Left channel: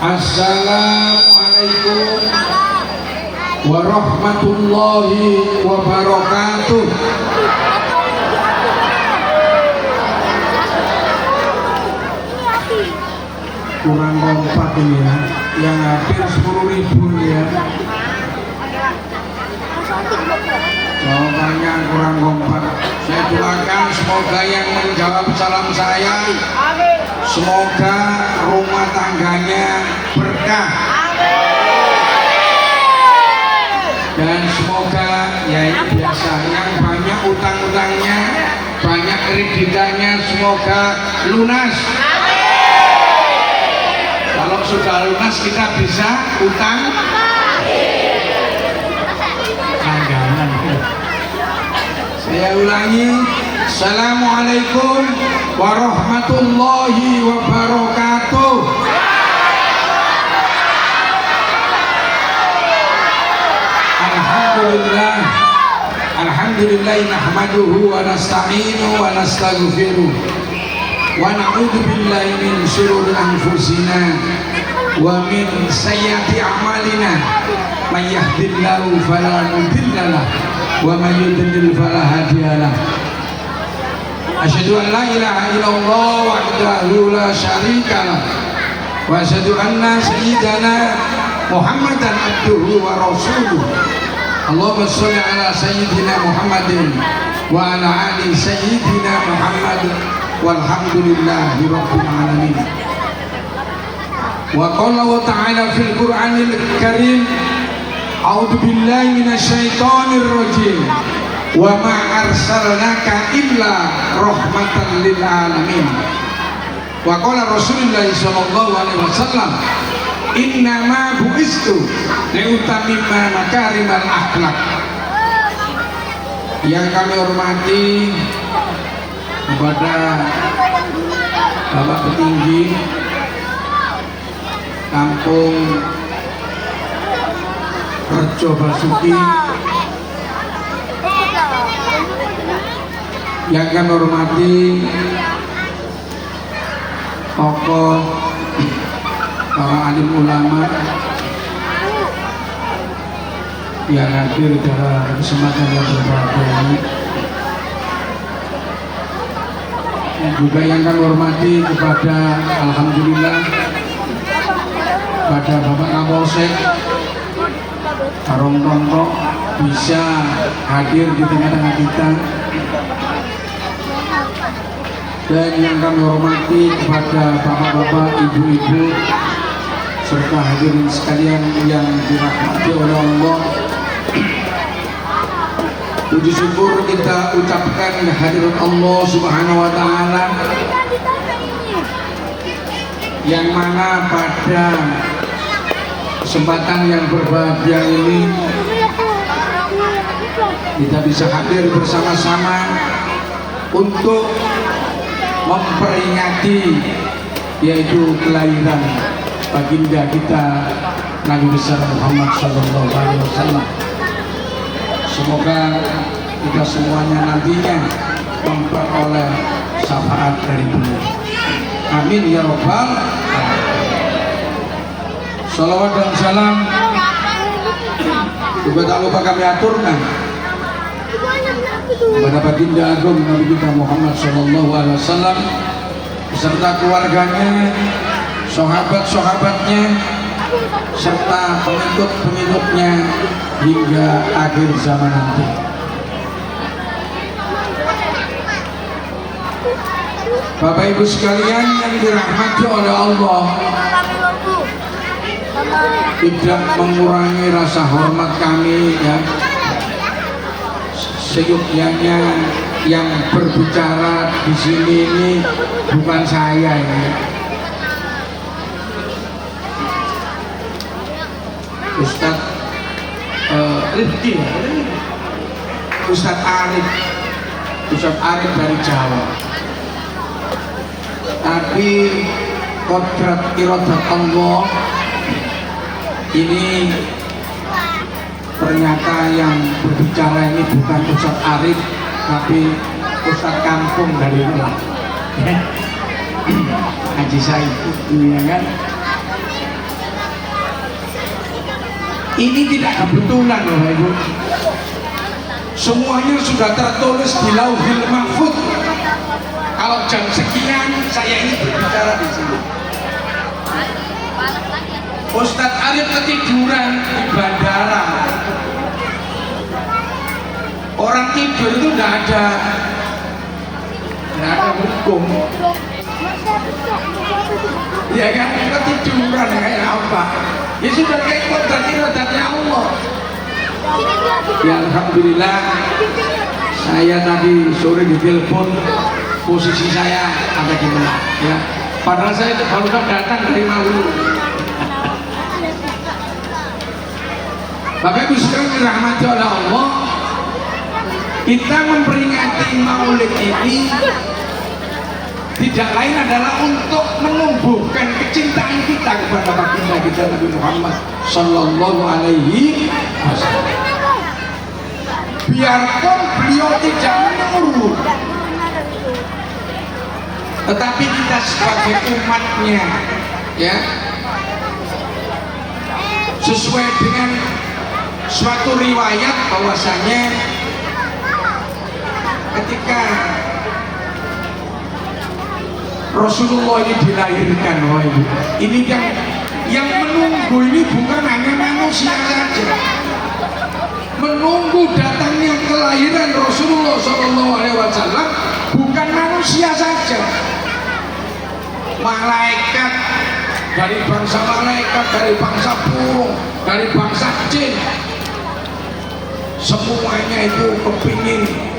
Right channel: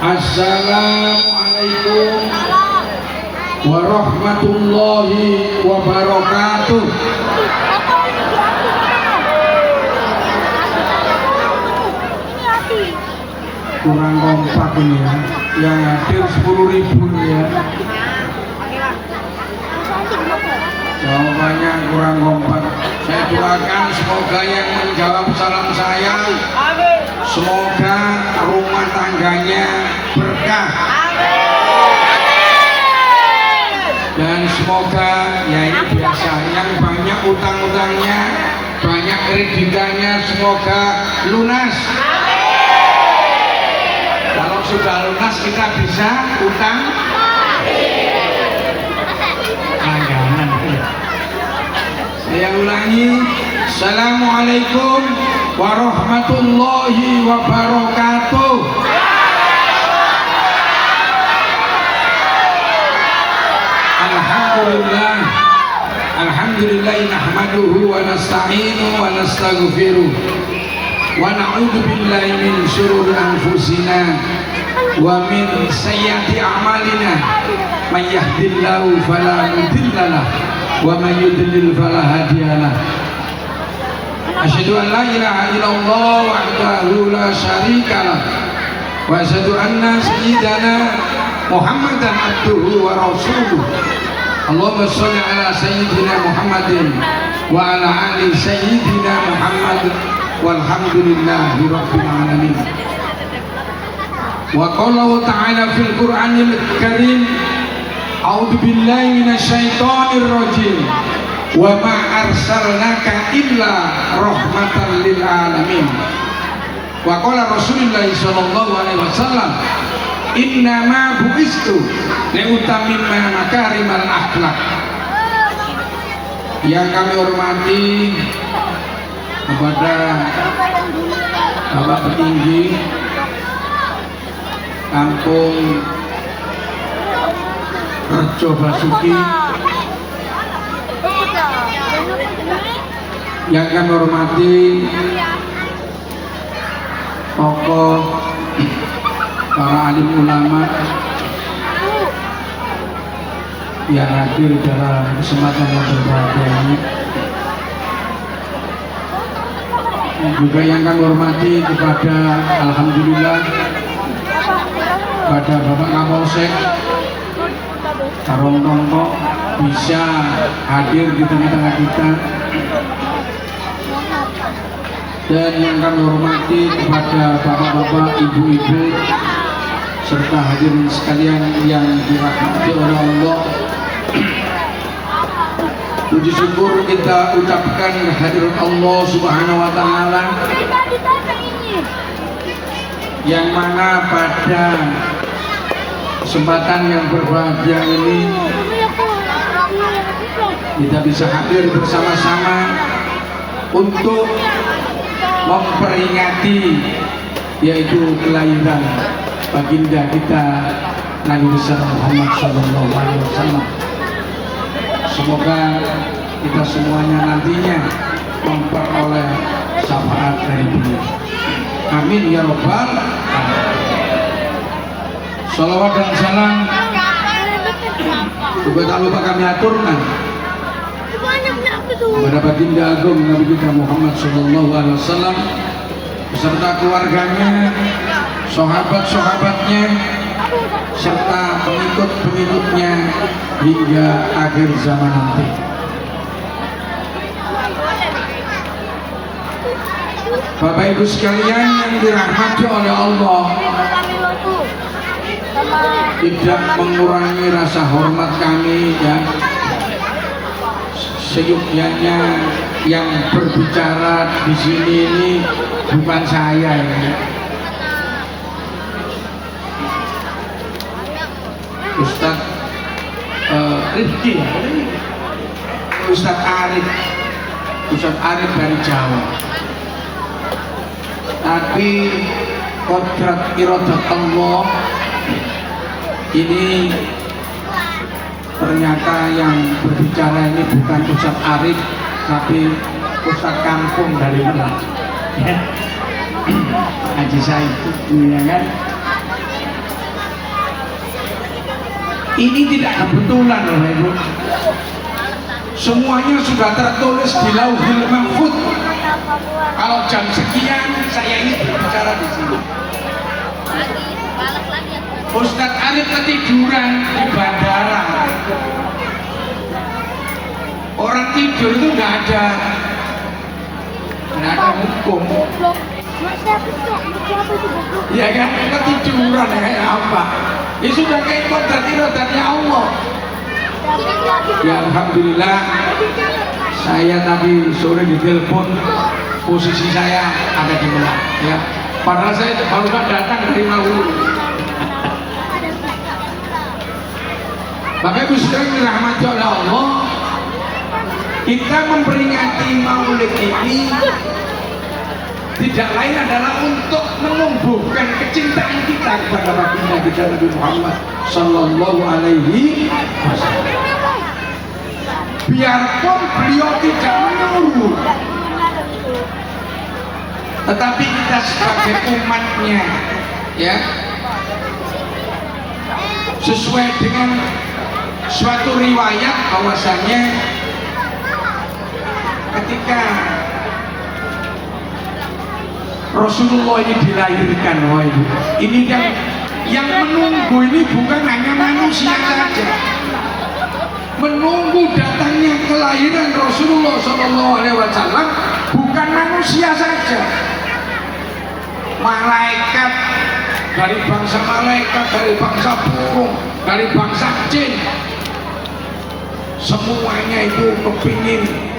Assalamualaikum warahmatullahi wabarakatuh. Kurang kompak ini ya, yang hadir 10.000 ya. Jawabannya kurang kompak. Saya doakan semoga yang menjawab salam saya, semoga rumah tangganya berkah. Dan semoga ya ini biasa, yang banyak utang-utangnya, banyak kreditannya, semoga lunas. Kalau sudah lunas kita bisa utang langganan. Saya ulangi, Assalamualaikum warahmatullahi wabarakatuh. Alhamdulillah nahmaduhu wa nasta'inu wa nastaghfiruh wa na'udzu billahi min syururi anfusina wa min sayyiati a'malina may yahdihillahu fala mudilla lahu wa may yudlil fala hadiya lahu. Asyhadu an la ilaha illallah wahdahu la syarika lahu wa asyhadu anna sayyidana Muhammadan abduhu wa rasuluh. Allahumma sholli ala sayyidina Muhammadin wa ala ali sayyidina Muhammad walhamdulillahi rabbil alamin. Wa qala ta'ala fil Qur'anil Karim, a'udzu billahi minasyaitonir rajim, wa ma arsalnaka illa rahmatan lil alamin. Wa qala Rasulullah sallallahu alaihi wasallam, innama bu'istu liutammima makarimal akhlak. Yang kami hormati kepada Bapak Petinggi Kampung Rejo Basuki, yang kami hormati tokoh para alim ulama yang hadir dalam kesempatan yang berbahagia ini, juga yang kami hormati kepada alhamdulillah pada Bapak Kapolsek Karong Tongko bisa hadir di tengah-tengah kita, dan yang kami hormati kepada bapak-bapak, ibu-ibu, serta hadirin sekalian yang dirahmati oleh Allah. Puji syukur kita ucapkan kehadirat Allah Subhanahu wa Ta'ala, yang mana pada kesempatan yang berbahagia ini kita bisa hadir bersama-sama untuk memperingati yaitu kelahiran baginda kita Nabi besar Muhammad sallallahu alaihi wasallam. Semoga kita semuanya nantinya memperoleh syafaat dari beliau. Amin ya rabbal alamin. Salawat dan salam juga tak lupa kami aturkan kepada baginda agung Nabi kita Muhammad sallallahu alaihi wasallam beserta keluarganya, sahabat-sahabatnya, serta pengikut-pengikutnya hingga akhir zaman nanti. Bapak Ibu sekalian yang dirahmati oleh Allah, tidak mengurangi rasa hormat kami ya, seyogyanya yang berbicara di sini ini bukan saya ya. Ustadz Rifki ya, Ustadz Arif dari Jawa. Tapi kodrat iradat Allah ini ternyata yang berbicara ini bukan Ustadz Arif, tapi Ustadz kampung dari luar. Haji Said, ya kan? Ini tidak kebetulan loh Ibu. Semuanya sudah tertulis di Lauhul Mahfuz. Kalau jam sekian saya ini berbicara di sini. Ustadz Arif ketiduran di bandara. Orang tidur itu nggak ada hukum. Ya kan ketiduran kayak apa? Ya sudah kayak kodratnya Allah. Ya alhamdulillah. Saya tadi sore ditelepon, posisi saya ada di Merak. Ya. Padahal saya baru datang dari Maulu. Bapak Ibu Saudara dirahmati oleh Allah, kita memperingati Maulid ini tidak lain adalah untuk menumbuhkan kecintaan kita kepada baginda kita Nabi Muhammad Sallallahu Alaihi Wasallam. Biarpun beliau tidak menurut, tetapi kita sebagai umatnya, ya, sesuai dengan suatu riwayat bahwasanya ketika Rasulullah ini dilahirkan, oh Ibu, ini yang menunggu ini bukan hanya manusia saja, menunggu datangnya kelahiran Rasulullah SAW bukan manusia saja, malaikat dari bangsa malaikat, dari bangsa burung, dari bangsa jin, semuanya itu kepingin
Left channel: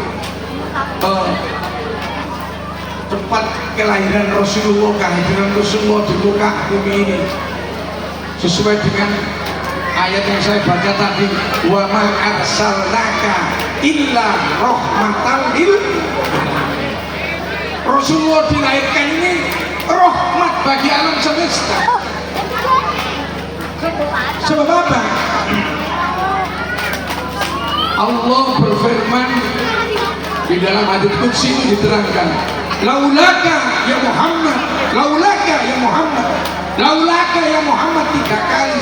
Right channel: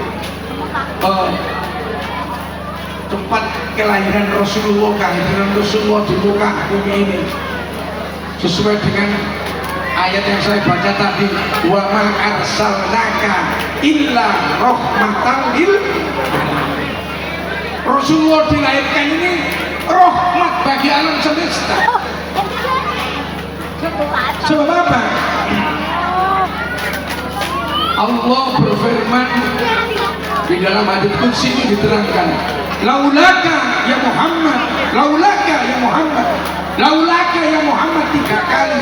tempat kelahiran Rasulullah, kehadiran Rasulullah di muka bumi ini sesuai dengan ayat yang saya baca tadi, wa ma arsalnaka illa rahmatan lil alamin. Rasulullah dilahirkan ini rahmat bagi alam semesta. Sebab apa? Allah berfirman di dalam hadits qudsi ini diterangkan, laulaka ya Muhammad, laulaka ya Muhammad, laulaka ya Muhammad 3 kali.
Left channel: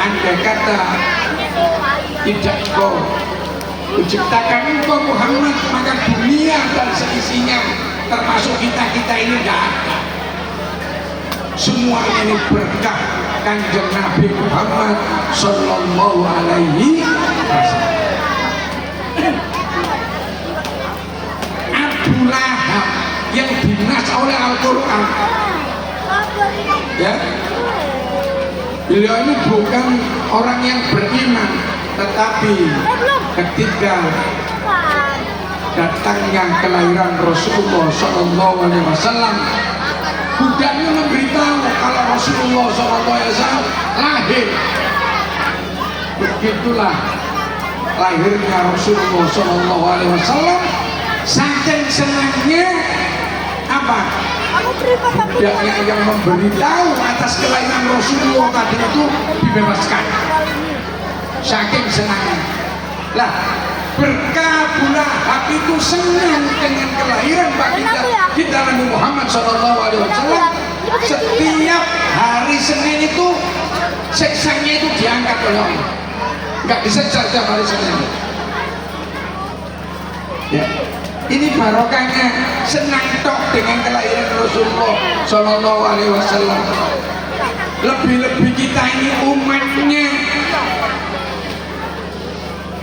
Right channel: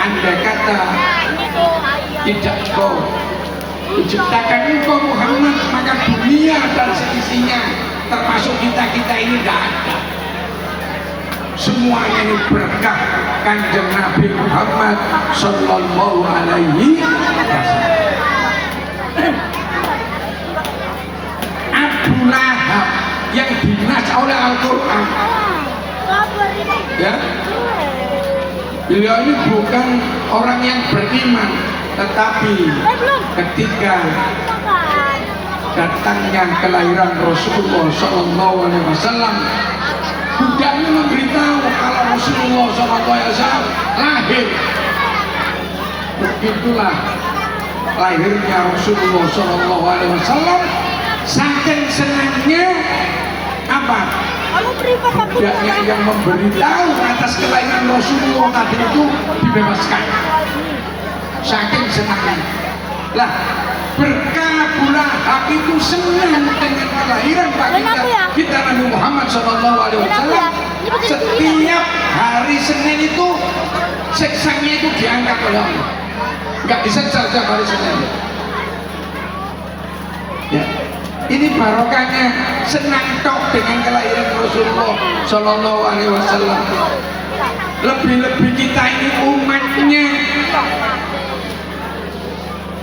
Andai kata tidak kau diciptakan engkau Muhammad, maka dunia dan seisinya termasuk kita ini tidak ada. Semuanya ini berkah Kanjeng Nabi Muhammad Sallallahu Alaihi Wasallam. Abu Lahab yang dinas oleh Al-Quran, ya, beliau ini bukan orang yang beriman, tetapi ketika datangnya kelahiran Rasulullah Sallallahu Alaihi Wasallam, budaknya memberitahu kalau Rasulullah Sallallahu Alaihi Wasallam lahir. Begitulah lahirnya Rasulullah Sallallahu Alaihi Wasallam. Saking senangnya apa? Budaknya yang memberitahu atas kelahiran Rasulullah tadi itu dibebaskan. Saking senangnya. Lah, berkah Abu Lahab itu senang dengan kelahiran baginda kita Nabi Muhammad Sallallahu Alaihi Wasallam. Setiap hari Senin itu siksanya itu diangkat oleh Allah. Enggak bisa setiap hari Senin. Ya. Ini barokahnya senang tok dengan kelahiran Rasulullah Sallallahu Alaihi Wasallam. Lebih-lebih kita ini umatnya,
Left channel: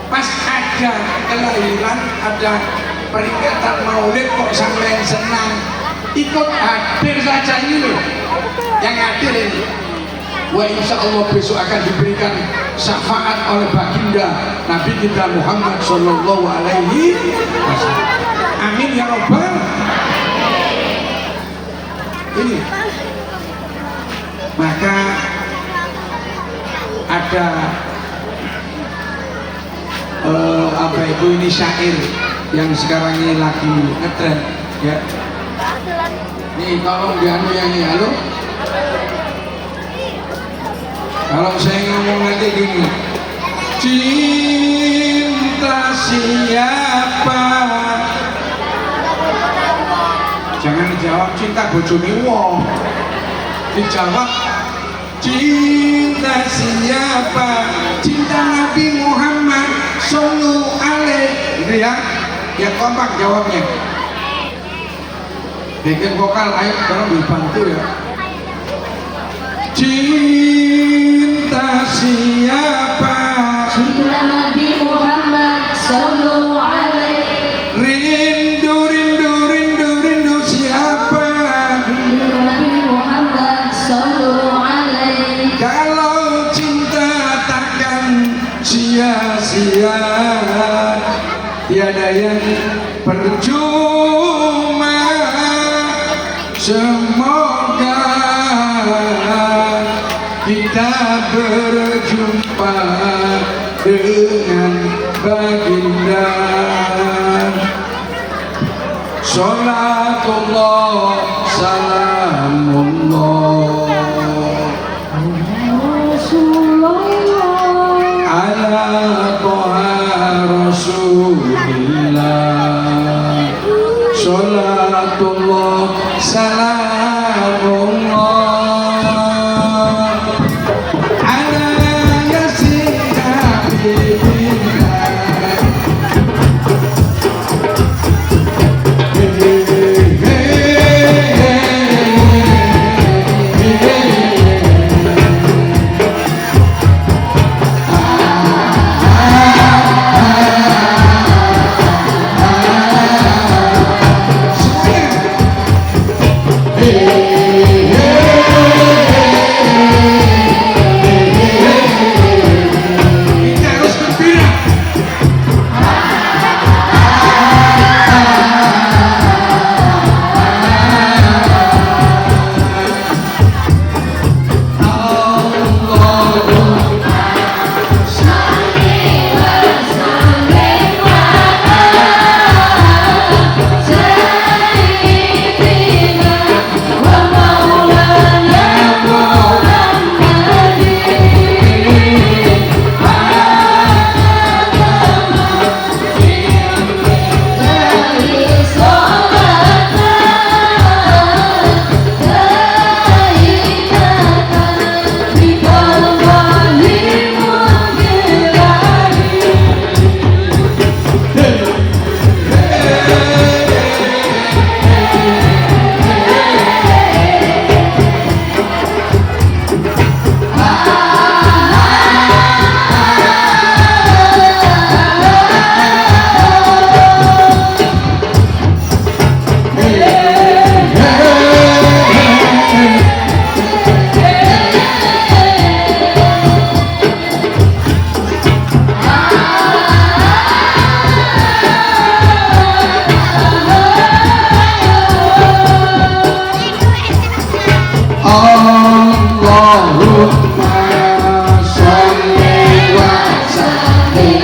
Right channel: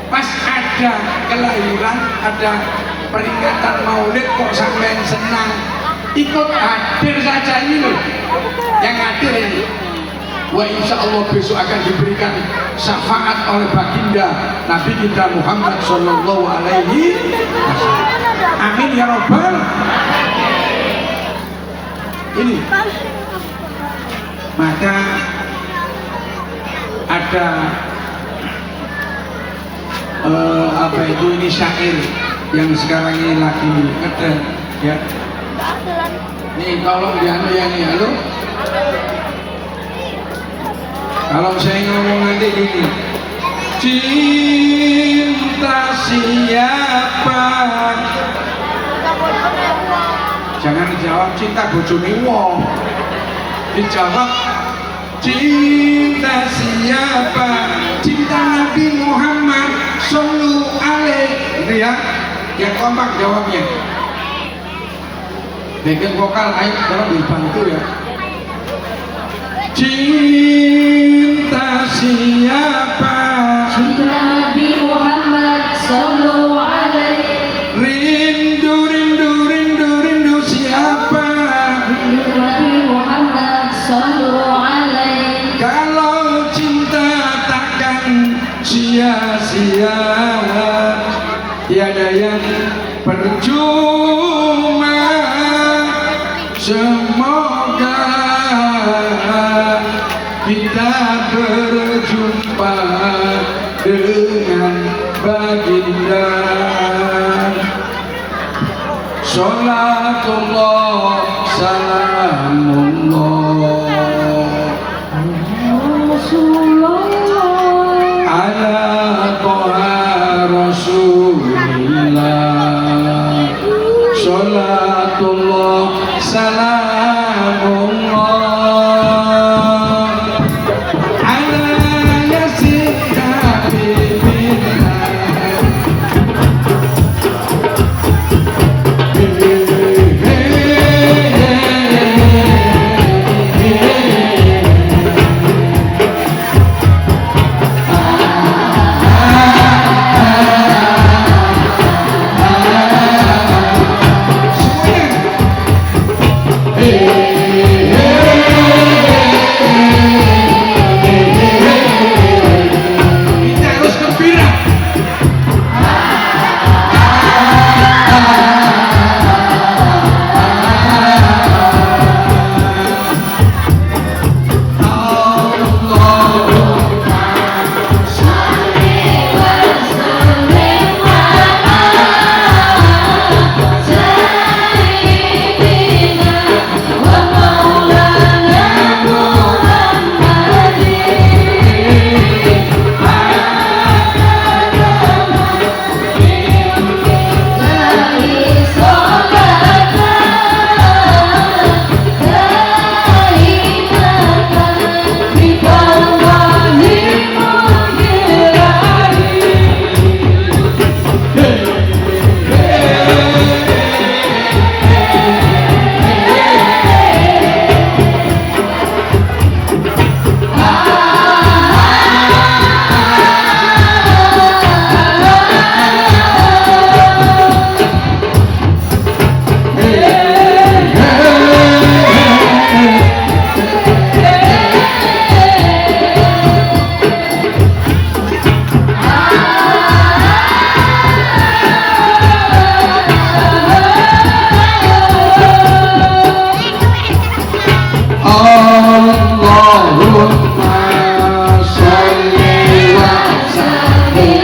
pas ada kelahiran, ada peringatan Maulid kok sampai senang, ikut hadir saja ini loh, yang hadir ini. Wah, insya Allah besok akan diberikan syafaat oleh baginda Nabi kita Muhammad Sallallahu Alaihi Wasallam. Amin ya Rabbal. Ini maka ada apa itu, ini syair yang sekarang ini lagi ngetren, ya. Nih tolong dianu yang ini, halo. Kalau saya ngomong nanti gini, cinta siapa? Jangan dijawab cinta bojone wong. Dijawab Cinta siapa? Cinta Nabi Muhammad Sallallahu Alaihi. Ini ya kompak jawabnya. Bikin vokal ayo tolong dibantu ya. Cinta siapa? Cinta Nabi Muhammad Sallallahu Alaihi. Rindu, rindu, rindu, rindu siapa? Rindu Nabi Muhammad Sallallahu Alaihi. Kalau cinta takkan sia-sia, tiada yang percuma. Semoga kita berjumpa dengan baginda. Salatullah salamullah ala toha rasulillah. Salatullah salamullah ala yasin habibillah. Kita harus gembira. Allahumma sholli wa sallim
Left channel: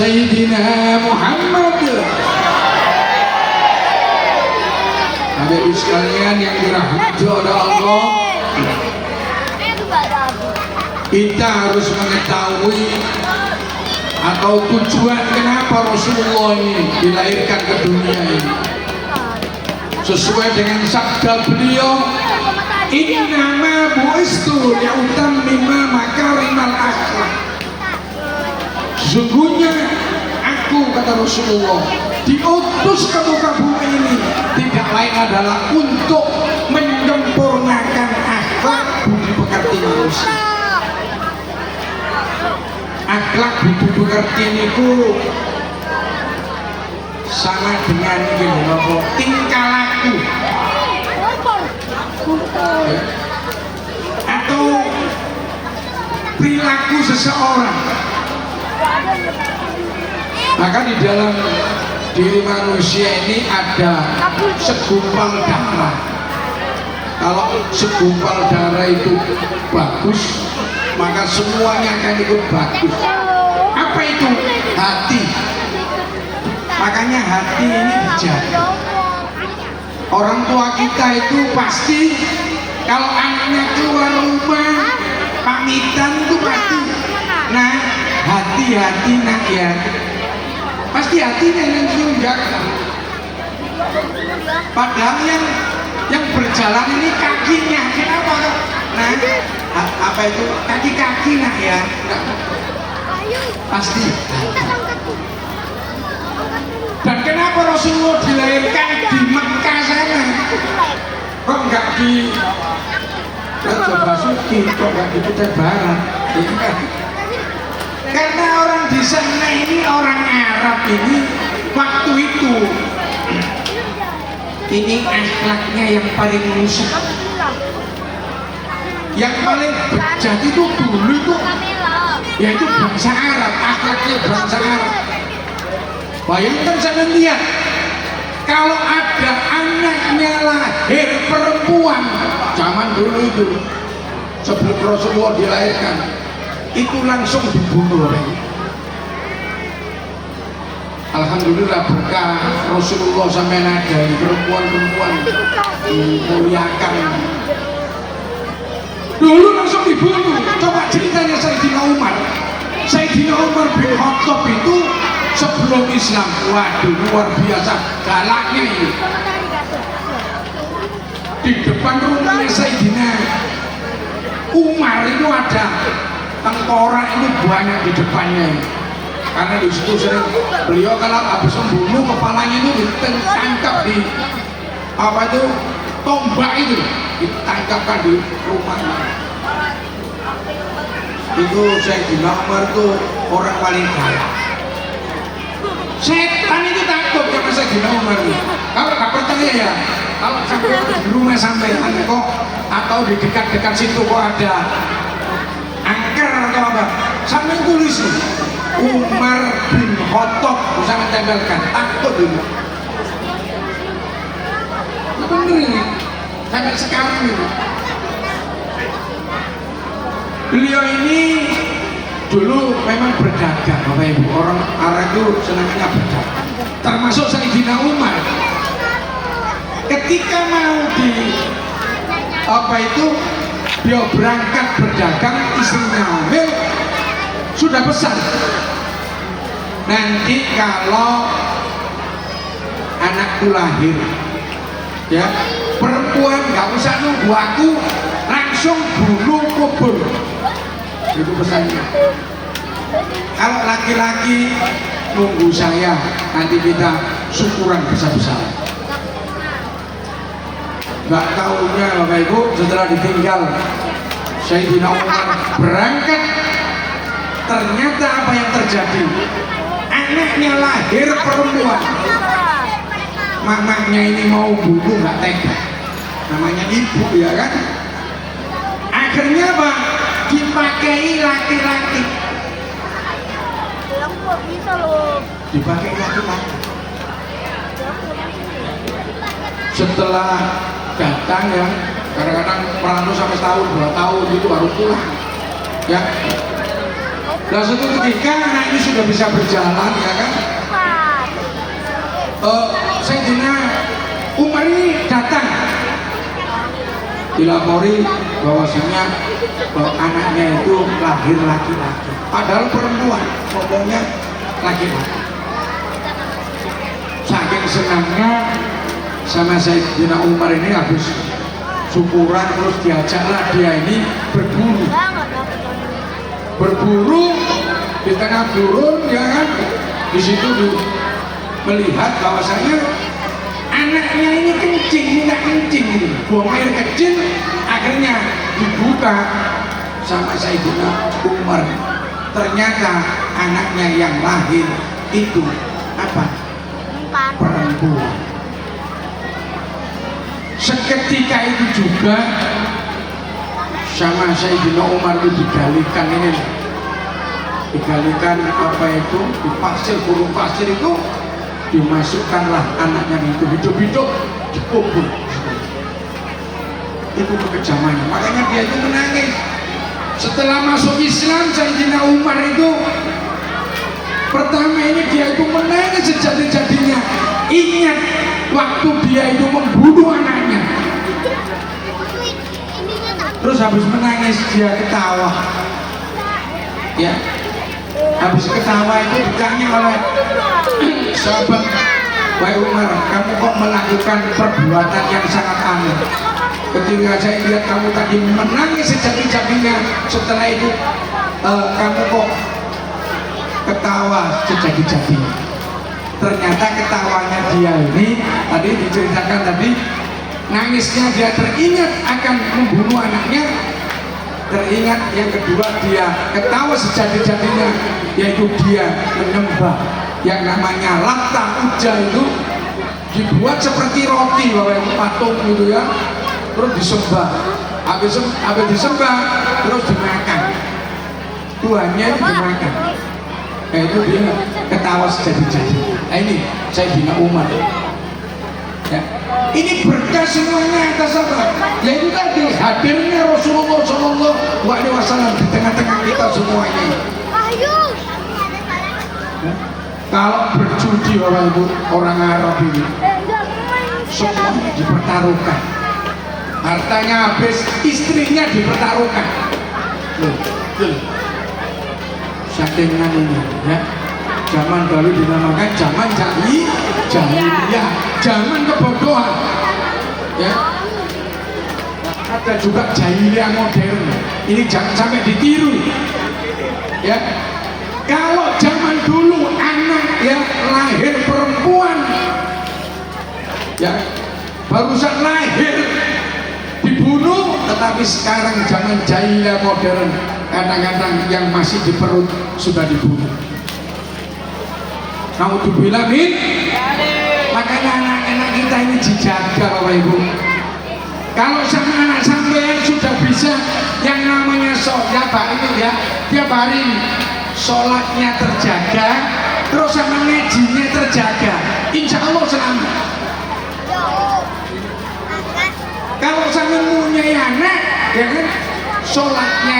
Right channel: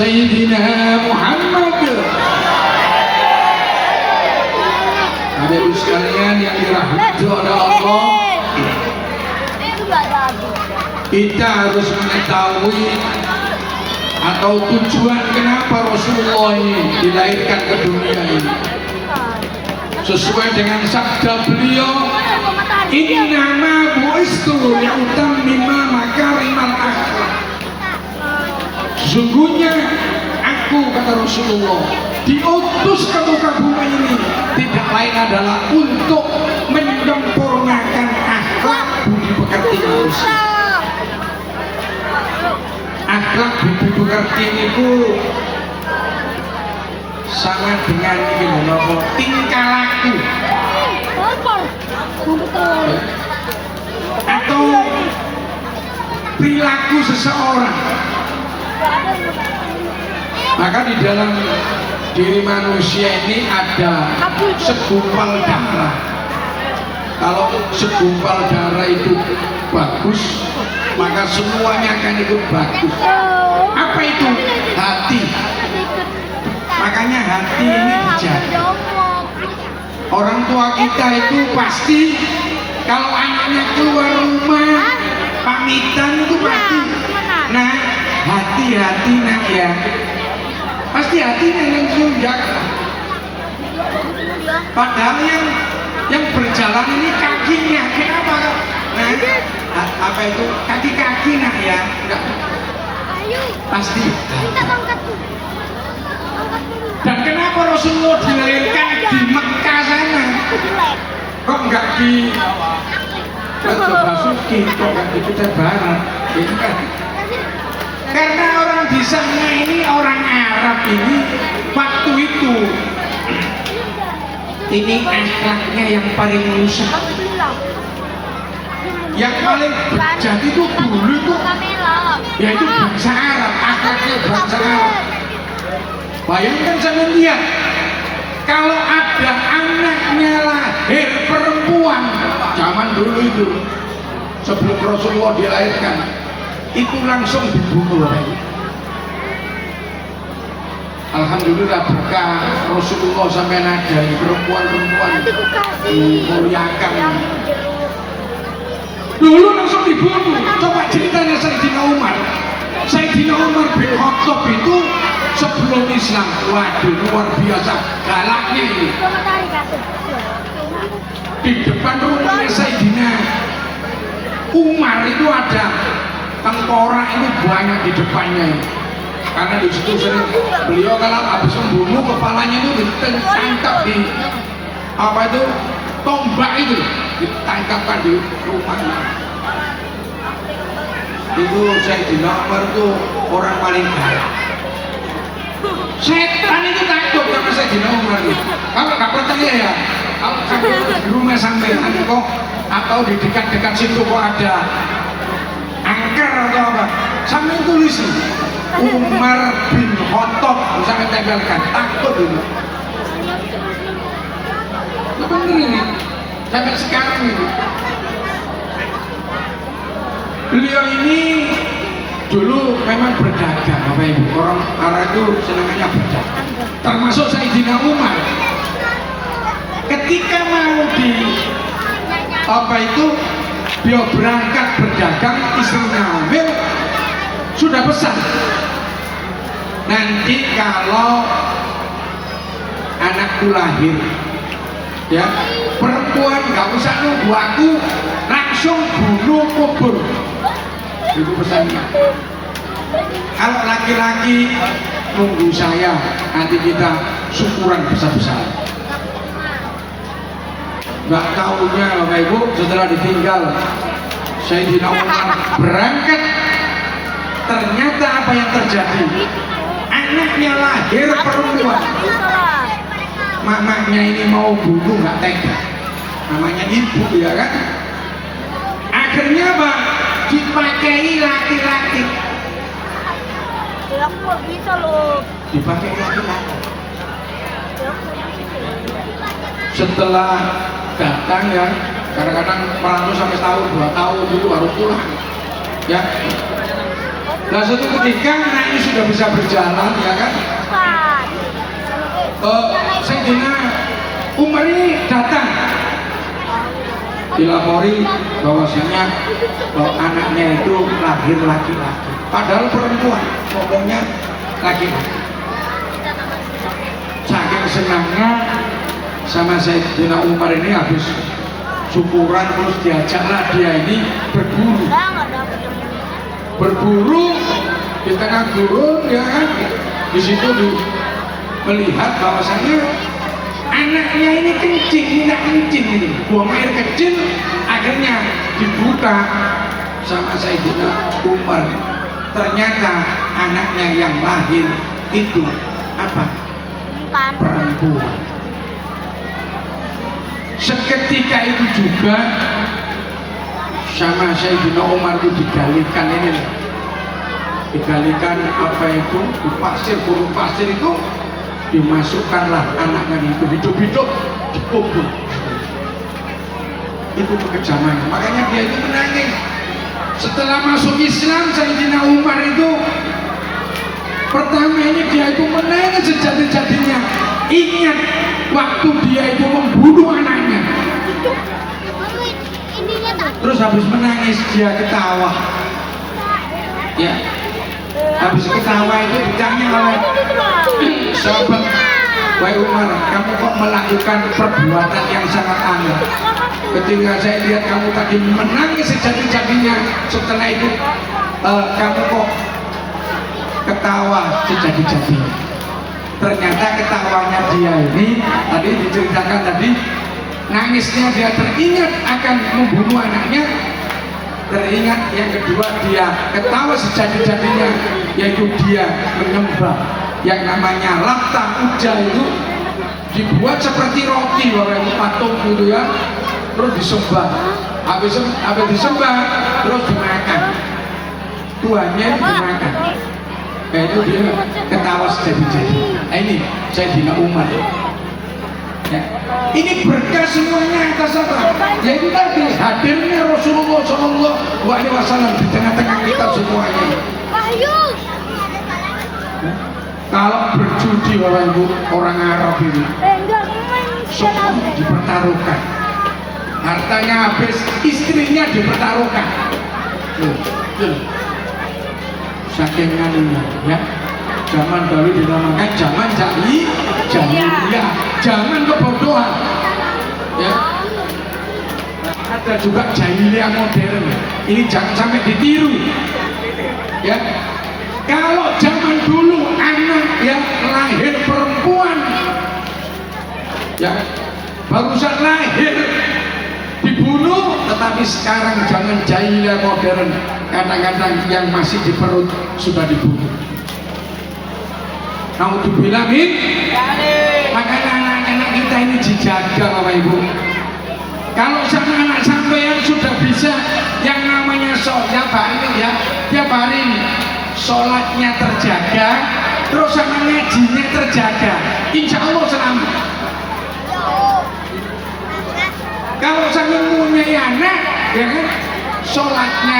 Sayyidina Muhammad. Bapak Ibu sekalian yang dirahmati oleh Allah, kita harus mengetahui atau tujuan kenapa Rasulullah ini dilahirkan ke dunia ini. Sesuai dengan sabda beliau, innama bu'istu li'utammima makarimal akhlak. Sesungguhnya aku, kata Rasulullah, diutus ke muka bumi ini tidak lain adalah untuk menyempurnakan akhlak budi pekerti manusia. Akhlak budi pekerti itu sama dengan tingkah laku atau perilaku seseorang. Maka di dalam diri manusia ini ada segumpal darah. Kalau segumpal darah itu bagus, maka semuanya akan ikut bagus. Apa itu? Hati. Makanya hati ini dijaga. Orang tua kita itu pasti kalau anaknya keluar rumah pamitan itu pasti, nah hati-hati nak ya, pasti hatinya yang jaga. Padahal yang berjalan ini kakinya, kenapa kok? Nah, apa itu kaki-kaki nak ya? Enggak. Pasti. Dan kenapa Rasulullah dilahirkan di Mekah sana? Kok enggak di Basuki, kok enggak di Kutai Barat? Karena orang di sana ini, orang Arab ini waktu itu ini akhlaknya yang paling rusak, yang paling bejat itu dulu itu yaitu bangsa Arab, akhlaknya bangsa Arab. Bayangkan saya lihat kalau ada anaknya lahir perempuan zaman dulu itu sebelum Rasulullah dilahirkan itu langsung dibunuh. Alhamdulillah berkah Rasulullah sampai ada perempuan-perempuan dimuliakan. Dulu langsung dibunuh. Coba ceritanya Sayyidina Umar. Sayyidina Umar bin Khattab itu sebelum Islam, waduh luar biasa galaknya ini. Di depan rumahnya Sayyidina Umar itu ada tengkorak itu banyak di depannya ini. Karena di situ sering beliau kalau habis membunuh kepalanya itu ditangkap di apa itu tombak itu, ditangkapkan di rumahnya. Itu Sayyidina Umar itu orang paling galak. Setan itu takut sama Sayyidina Umar itu. Kalau nggak percaya ya, kalau sampai di rumah sampai kok atau di dekat-dekat situ kok ada angker atau apa, sampai tulis Umar bin Khattab, sampai tempelkan, takut dulu. Itu bener ini, sampai sekarang ini. Beliau ini dulu memang berdagang, Bapak Ibu. Orang Arab itu senangnya berdagang. Termasuk Sayyidina Umar. Ketika mau di apa itu beliau berangkat berdagang, istrinya hamil, sudah pesan. Nanti kalau anakku lahir, ya perempuan nggak usah nunggu aku, langsung bunuh kubur. Itu pesannya. Kalau laki-laki nunggu saya, nanti kita syukuran besar-besaran. Nggak tahunya Bapak Ibu, setelah ditinggal Sayyidina Umar berangkat, ternyata apa yang terjadi? Anaknya lahir perempuan. Mamanya ini mau bunuh nggak tega. Namanya ibu ya kan. Akhirnya apa? Dipakai laki-laki. Dipakai laki-laki. Setelah datang ya, kadang-kadang merantau sampai tahun 2 tahun itu baru pulang. Ya. Nah suatu ketika anak ini sudah bisa berjalan, ya kan? Sayyidina Umar ini datang, dilapori bahwasanya bahwa anaknya itu lahir laki-laki, padahal perempuan, ngomongnya laki-laki. Saking senangnya sama Sayyidina Umar ini habis syukuran terus diajaklah dia ini berburu di tengah gurun, ya kan? Di situ melihat bahwasanya anaknya ini kencing, minta kencing ini, buang air kecil, akhirnya dibuka sama Sayyidina Umar. Ternyata anaknya yang lahir itu apa? Perempuan. Seketika itu juga sama Sayyidina Umar itu digalikan ini, digalikan apa itu, di pasir, gurun pasir itu dimasukkanlah anaknya itu hidup-hidup dikubur. Itu kekejaman, makanya dia itu menangis. Setelah masuk Islam, Sayyidina Umar itu pertama ini dia itu menangis sejadi-jadinya, ingat waktu dia itu membunuh anaknya. Terus habis menangis dia ketawa, ya. Habis ketawa itu ditanya oleh sahabat, wahai Umar, kamu kok melakukan perbuatan yang sangat aneh? Ketika saya lihat kamu tadi menangis sejadi-jadinya, setelah itu kamu kok ketawa sejadi-jadinya. Ternyata ketawanya dia ini tadi diceritakan tadi, nangisnya dia teringat akan membunuh anaknya, teringat yang kedua dia ketawa sejadi-jadinya, yaitu dia menyembah yang namanya Lata Uja, itu dibuat seperti roti, bahwa itu patung gitu ya, terus disembah, habis disembah terus dimakan, tuannya itu dimakan. Nah itu dia ketawa sejadi-jadi. Nah ini Sayyidina Umar ya. Ini berkah semuanya atas apa? Yaitu tadi hadirnya Rasulullah SAW di tengah-tengah kita semua ini. Kalau berjudi orang itu, orang Arab ini semuanya dipertaruhkan, hartanya habis, istrinya dipertaruhkan. Sakingan ini ya, zaman dahulu dinamakan zaman jahiliyah, zaman kebodohan ya. Ada juga jahiliyah modern, ini jangan sampai ditiru ya. Kalau zaman dulu anak yang lahir perempuan ya, barusan lahir dibunuh, tetapi sekarang zaman jahiliyah modern, kadang-kadang yang masih di perut sudah dibunuh. Naudzubillah min. Makanya anak-anak kita ini dijaga Bapak Ibu. Kalau sama anak sampean sudah bisa yang namanya sholat ini ya, tiap hari sholatnya terjaga, terus sama ngajinya terjaga, insya Allah selamat. Kalau sampean punya anak ya kan, sholatnya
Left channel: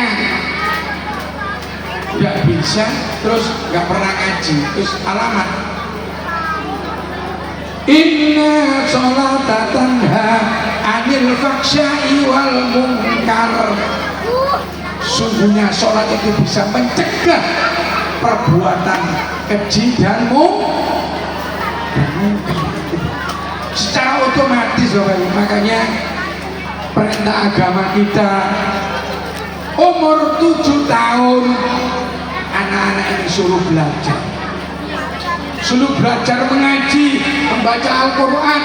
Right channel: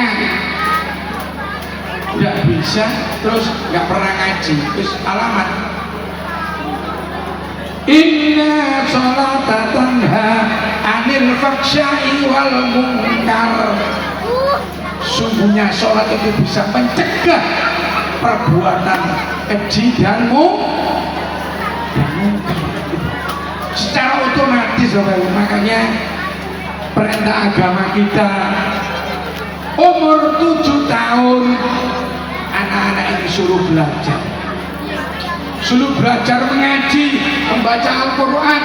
nggak bisa, terus nggak pernah ngaji, terus alamat. Inna sholata tanha anil faksya'i wal munkar. Sungguhnya sholat itu bisa mencegah perbuatan keji dan munkar secara otomatis. Makanya perintah agama kita umur 7 tahun anak-anak ini suruh belajar mengaji, membaca Al-Quran,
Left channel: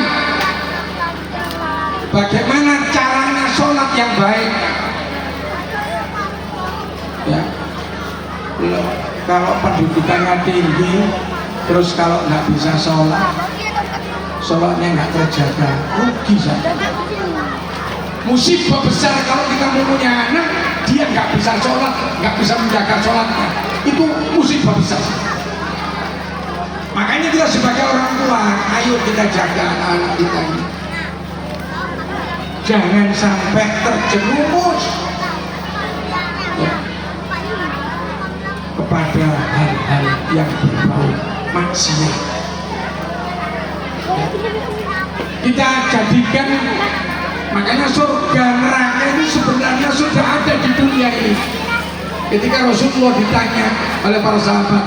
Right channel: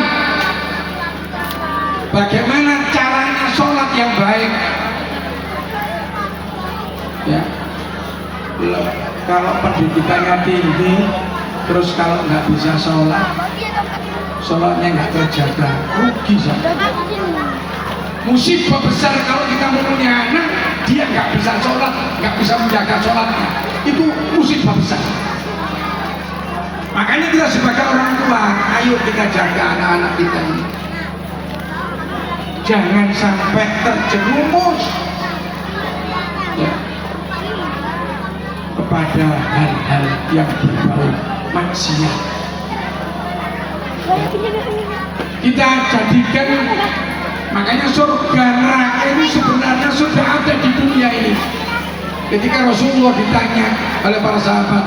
bagaimana caranya sholat yang baik ya. Kalau pendidikannya tinggi terus kalau nggak bisa sholat, sholatnya nggak terjaga, rugi saja. Musibah besar kalau kita punya anak dia nggak bisa sholat, nggak bisa menjaga sholatnya, itu musibah besar. Makanya kita sebagai orang tua, ayo kita jaga anak-anak kita ini, jangan sampai terjerumus ya, kepada pada hal-hal yang berbau maksiat. Kita jadikan, makanya surga neraka ini sebenarnya sudah ada di dunia ini. Ketika Rasulullah ditanya oleh para sahabat,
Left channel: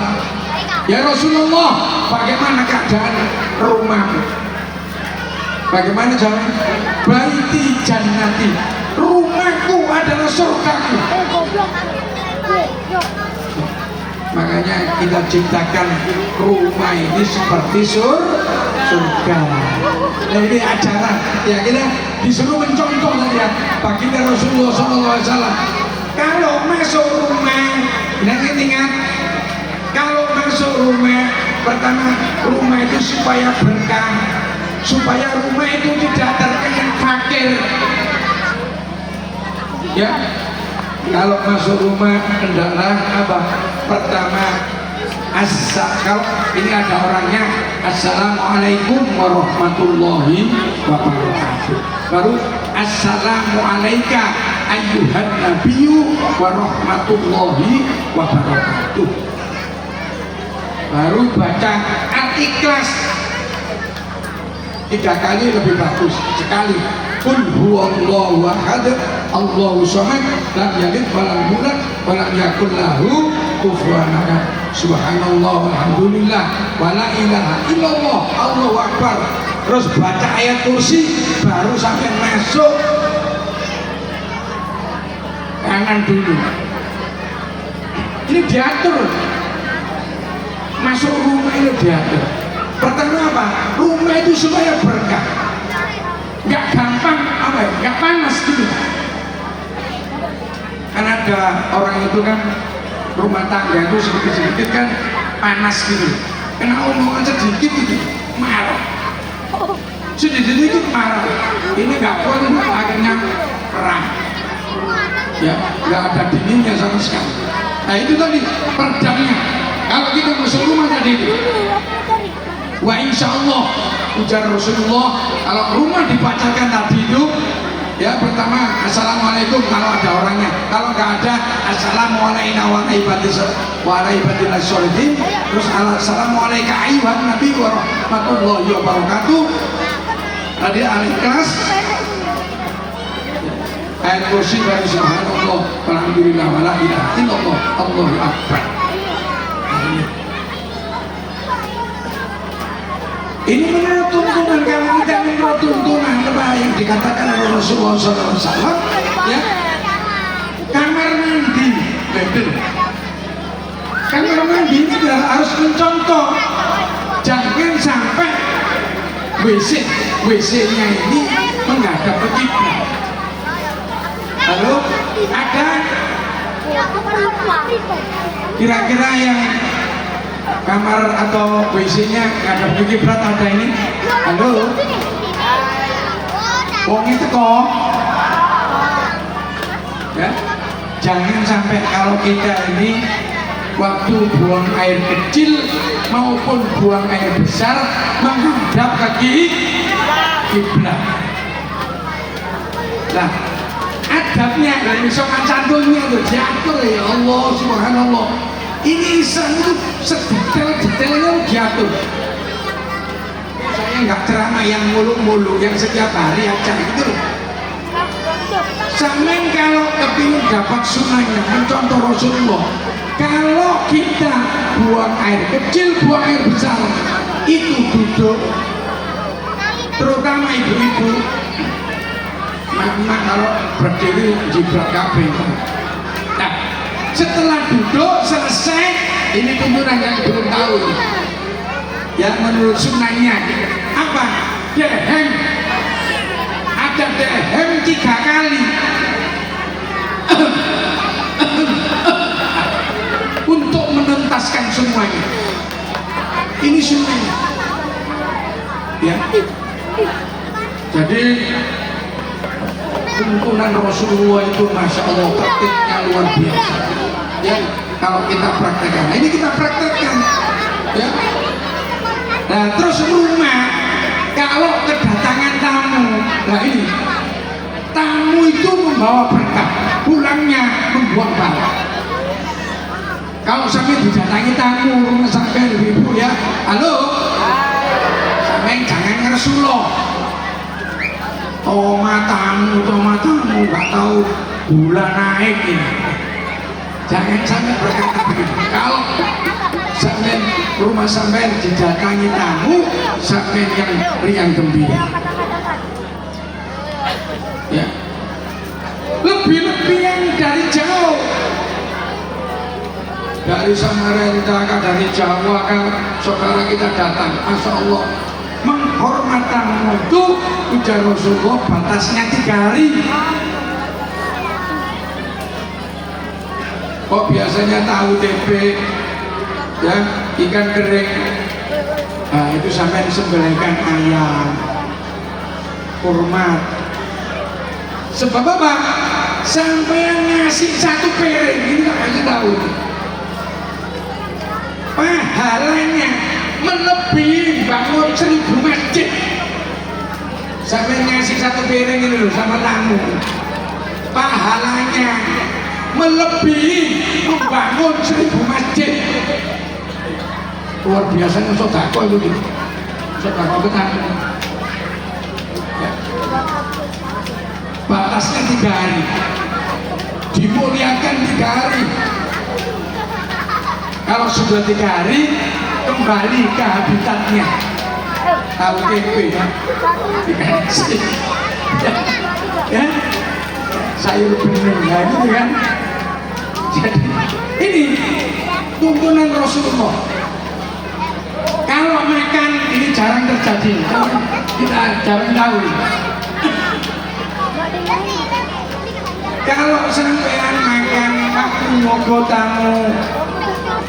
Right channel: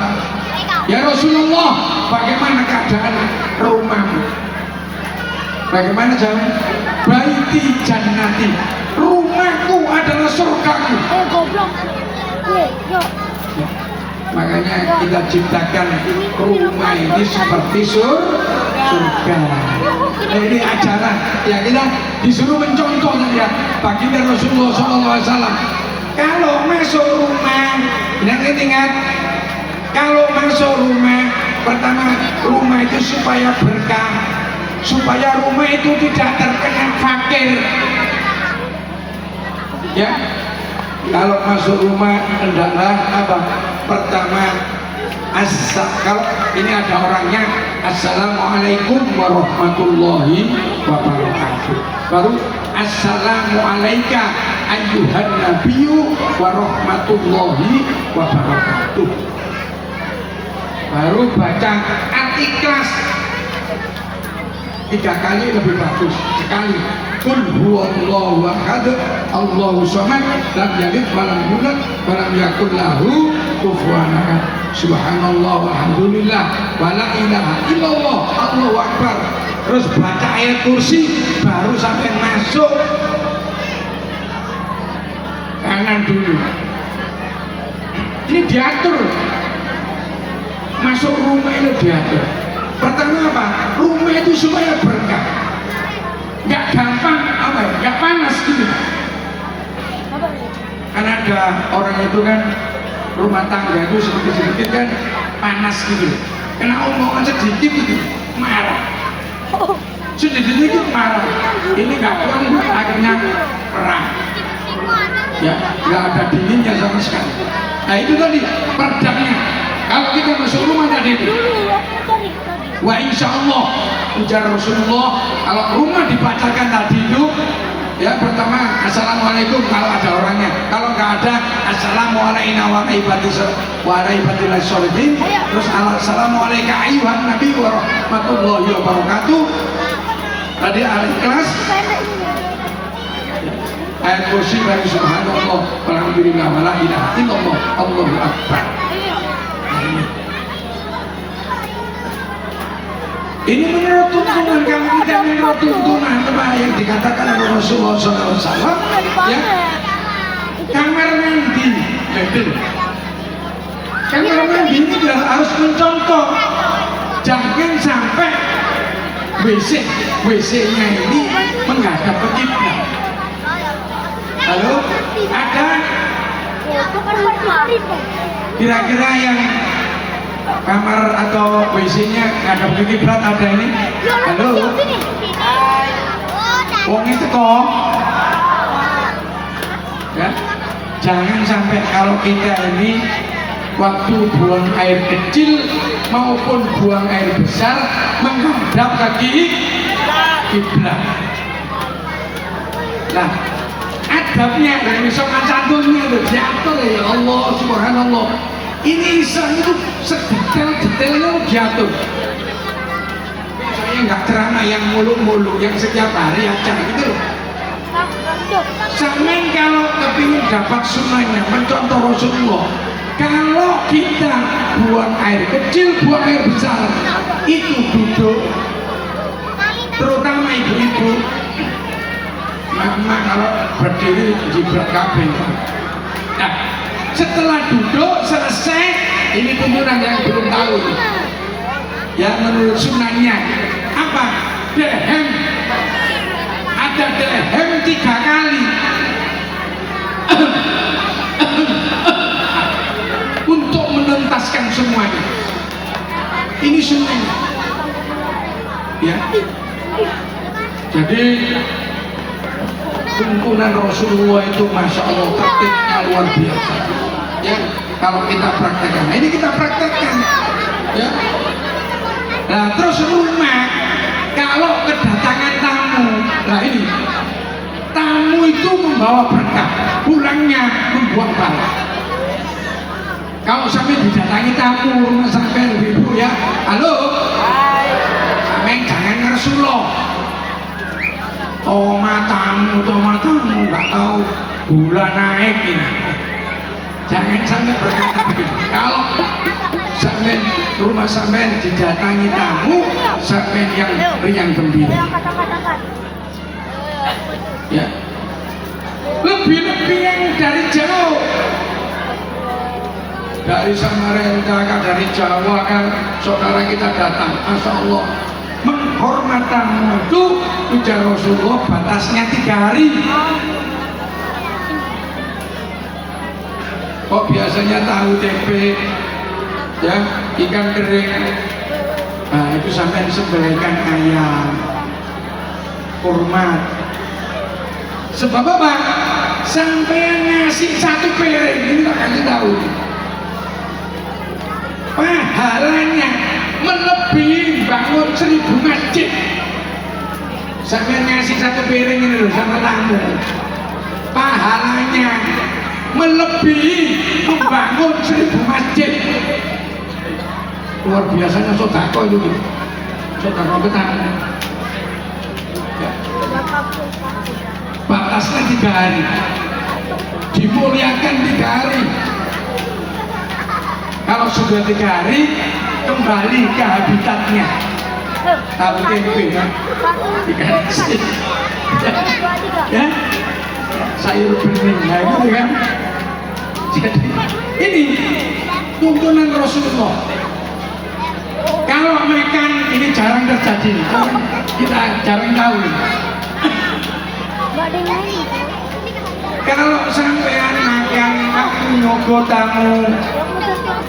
ya Rasulullah, bagaimana keadaan rumahmu? Bagaimana jalan? Baiti jannati, rumahku adalah surgaku. Makanya kita ciptakan rumah ini seperti surga. Nah, ini ajaran ya, kita disuruh mencontoh ya baginda Rasulullah SAW. Kalau masuk rumah, ingat, kalau masuk rumah, pertama rumah itu supaya berkah, supaya rumah itu tidak terkena fakir. Ya, kalau masuk rumah hendaklah apa? Pertama, kalau ini ada orangnya, assalamualaikum warahmatullahi wabarakatuh. Baru assalamualaikum ayyuhan nabiyyu warahmatullahi wabarakatuh. Baru baca Al-Ikhlas 3 kali lebih bagus. Sekali Qul huwallahu ahad Allahu samad lam yalid walam yulad walam yakul lahu kufuwan ahad. Subhanallah walhamdulillah wala ilaha illallah Allahu akbar. Terus baca ayat kursi, baru sampai masuk kanan dulu. Ini diatur. Masuk rumah itu diatur. Pertama apa? Rumah itu supaya berkah. Nggak gampang apa ya? Nggak panas gitu. Kan ada orang itu kan rumah tangga itu sedikit-sedikit kan panas gitu. Kena omongan sedikit gitu, marah. Sedikit-sedikit marah. Ini nggak kuat, ini akhirnya perang. Ya, nggak ada dinginnya sama sekali. Nah itu tadi perdamnya. Kalau kita masuk rumah tadi itu, wa insya Allah ujar Rasulullah, kalau rumah dibacakan tadi itu, ya pertama assalamualaikum kalau ada orangnya, kalau nggak ada assalamualaikum warahmatullahi wabarakatuh, terus assalamualaikum ayyuhan nabi warahmatullahi wabarakatuh. Tadi Al-Ikhlas, ayat kursi bagi subhanallah walhamdulillah wala ilaha illallah Allahu akbar. Ini menurut tuntunan, kalau kita menurut tuntunan apa yang dikatakan oleh Rasulullah SAW, ya, kamar mandi, betul. Kamar mandi ini harus mencontoh, jangan sampai WC-nya ini menghadap ke kiblat. Lalu ada kira-kira yang kamar atau WC-nya ngadep ke kiblat ada ini. Halo, wong itu kok ya, jangan sampai kalau kita ini waktu buang air kecil maupun buang air besar menghadap ke kiblat. Nah, adabnya dari sopan santunnya itu diatur ya Allah subhanallah. Ini Islam itu sedetail-detailnya diatur. Saya nggak ceramah yang mulu-mulu, yang setiap hari aja gitu. Sampai kalau kepingin dapat sunnahnya, mencontoh Rasulullah, kalau kita buang air kecil, buang air besar, itu duduk, terutama ibu-ibu. Nah, kalau berdiri jibrat kabeh. Nah, setelah duduk selesai, ini tuntunan yang belum tahu yang menurut sunnahnya apa? Dehem, ada dehem 3 kali untuk menuntaskan semuanya. Ini sunnah ya. Jadi tuntunan Rasulullah itu masya Allah tertibnya luar biasa ya. Kalau kita praktekkan, nah, ini kita praktekkan ya. Nah terus rumah kalau kedatangan tamu, nah ini tamu itu membawa berkah, pulangnya membuang bala. Kalau sampai didatangi tamu rumah sampai ibu ya, halo, sampai jangan ngersuloh. Tomatamu nggak tahu gula naik ini. Jangan sampai berkata begitu. Kalau sampai rumah sampai didatangi tamu, sampai yang riang gembira. Ya, lebih yang dari jauh, dari Samarinda, dari Jawa kan saudara kita datang, masya Allah, menghormat tamu itu ujar Rasulullah batasnya 3 hari. Kok biasanya tahu tempe, ya ikan kering, nah itu sampai disembelihkan ayam, hormat. Sebab apa? Sampai ngasih 1 piring ini tak kasih tahu. Pahalanya melebihi bangun 1000 masjid. Sampai ngasih 1 piring ini loh sama tamu. Pahalanya melebihi membangun 1000 masjid. Luar biasanya sodako itu gitu. Sodako petani. Ya. Batasnya 3 hari, dimuliakan 3 hari. Kalau sudah 3 hari kembali ke habitatnya. Tahu tempe kan? Ya, sayur bening ya gitu kan. Jadi ini tuntunan Rasulullah. Kalau makan ini jarang terjadi, kita jarang tahu. Kalau sampean makan kamu nyogo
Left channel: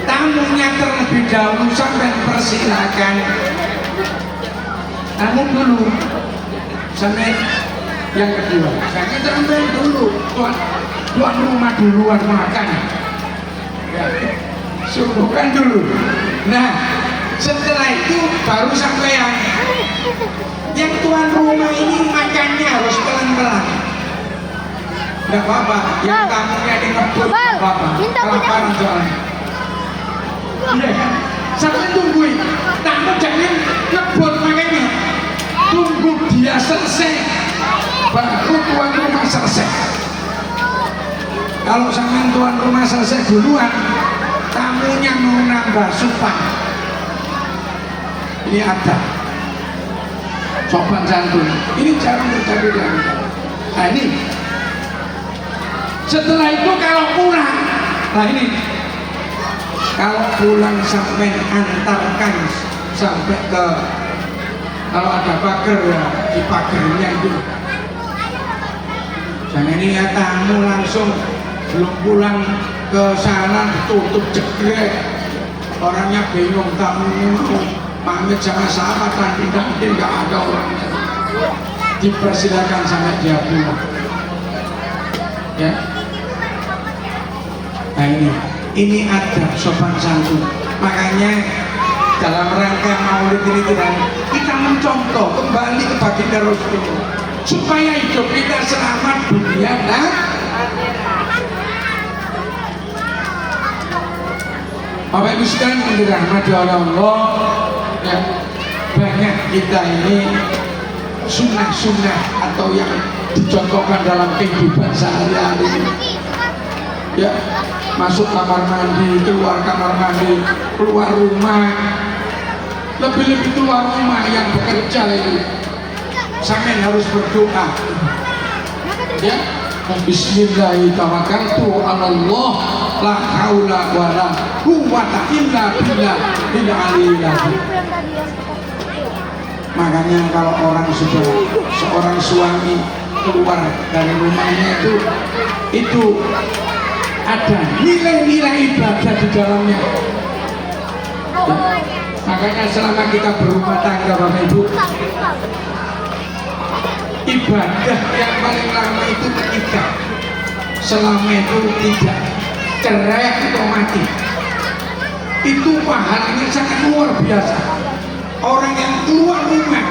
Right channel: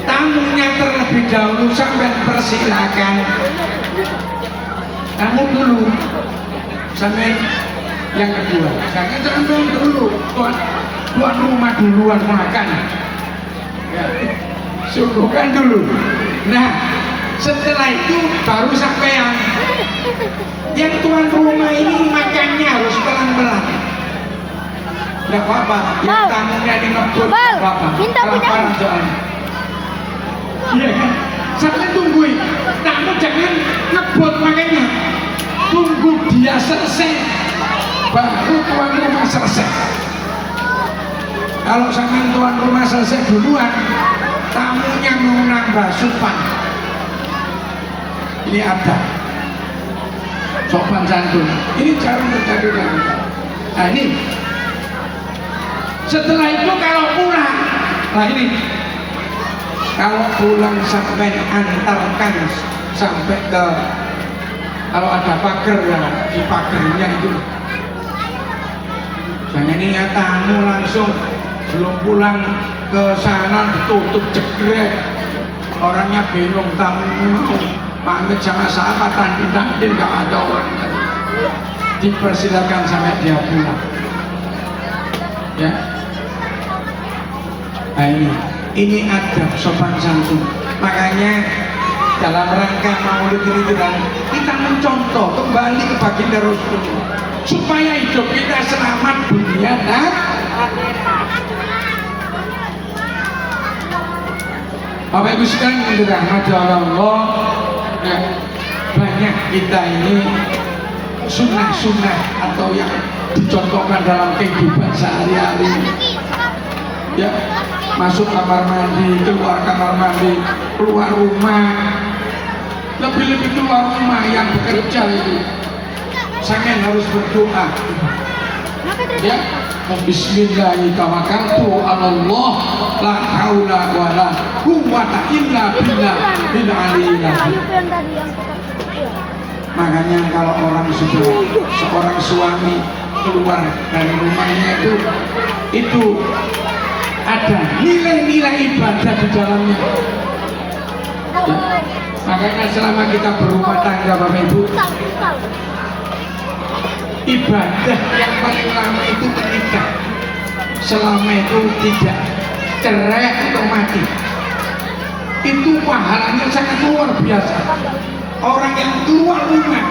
tamunya terlebih dahulu sampai persilakan. Kamu dulu, sampai yang kedua, saya teman-teman dulu, tuan rumah duluan makan, ya, suguhkan dulu. Nah, setelah itu baru sampean. Yang tuan rumah ini makannya harus pelan-pelan. Tidak apa-apa, yang tamunya di ngebut, tidak apa-apa, kelaparan soalnya. Iya kan? Sampai tungguin, tamu jangan ngebut makanya. Tunggu dia selesai, baru tuan rumah selesai. Kalau sampai tuan rumah selesai duluan, tamunya mau nambah supan. Ini ada sopan santun. Ini jarang terjadi lagi. Nah ini. Setelah itu kalau pulang, nah ini kalau pulang sampai antarkan sampai ke, kalau ada pagar ya di pagarnya itu. Jangan ingat tamu langsung belum pulang ke sana ditutup jegrek, orangnya bingung tamunya mau pamit sama sahabat tidak ada orang, dipersilakan sampai dia pulang. Ya. Nah ini ada sopan santun. Makanya dalam rangka maulid ini kita mencontoh kembali ke baginda Rasulullah supaya hidup kita selamat dunia dan Bapak Ibu sekalian yang dirahmati Allah, ya, banyak kita ini sunnah-sunnah atau yang dicontohkan dalam kehidupan sehari-hari. Ya, masuk kamar mandi, keluar kamar mandi, keluar rumah, lebih-lebih keluar rumah yang bekerja itu sampai harus berdoa. Ya, Bismillahirrahmanirrahim. Allah la haula wala quwwata illa billah bil aliyyil azim. Makanya kalau orang seorang suami keluar dari rumahnya itu ada nilai-nilai ibadah di dalamnya. Ya. Makanya selama kita berumah tangga Bapak Ibu, ibadah yang paling lama itu ketika selama itu tidak cerai atau mati, itu pahalanya sangat luar biasa. Orang yang keluar rumah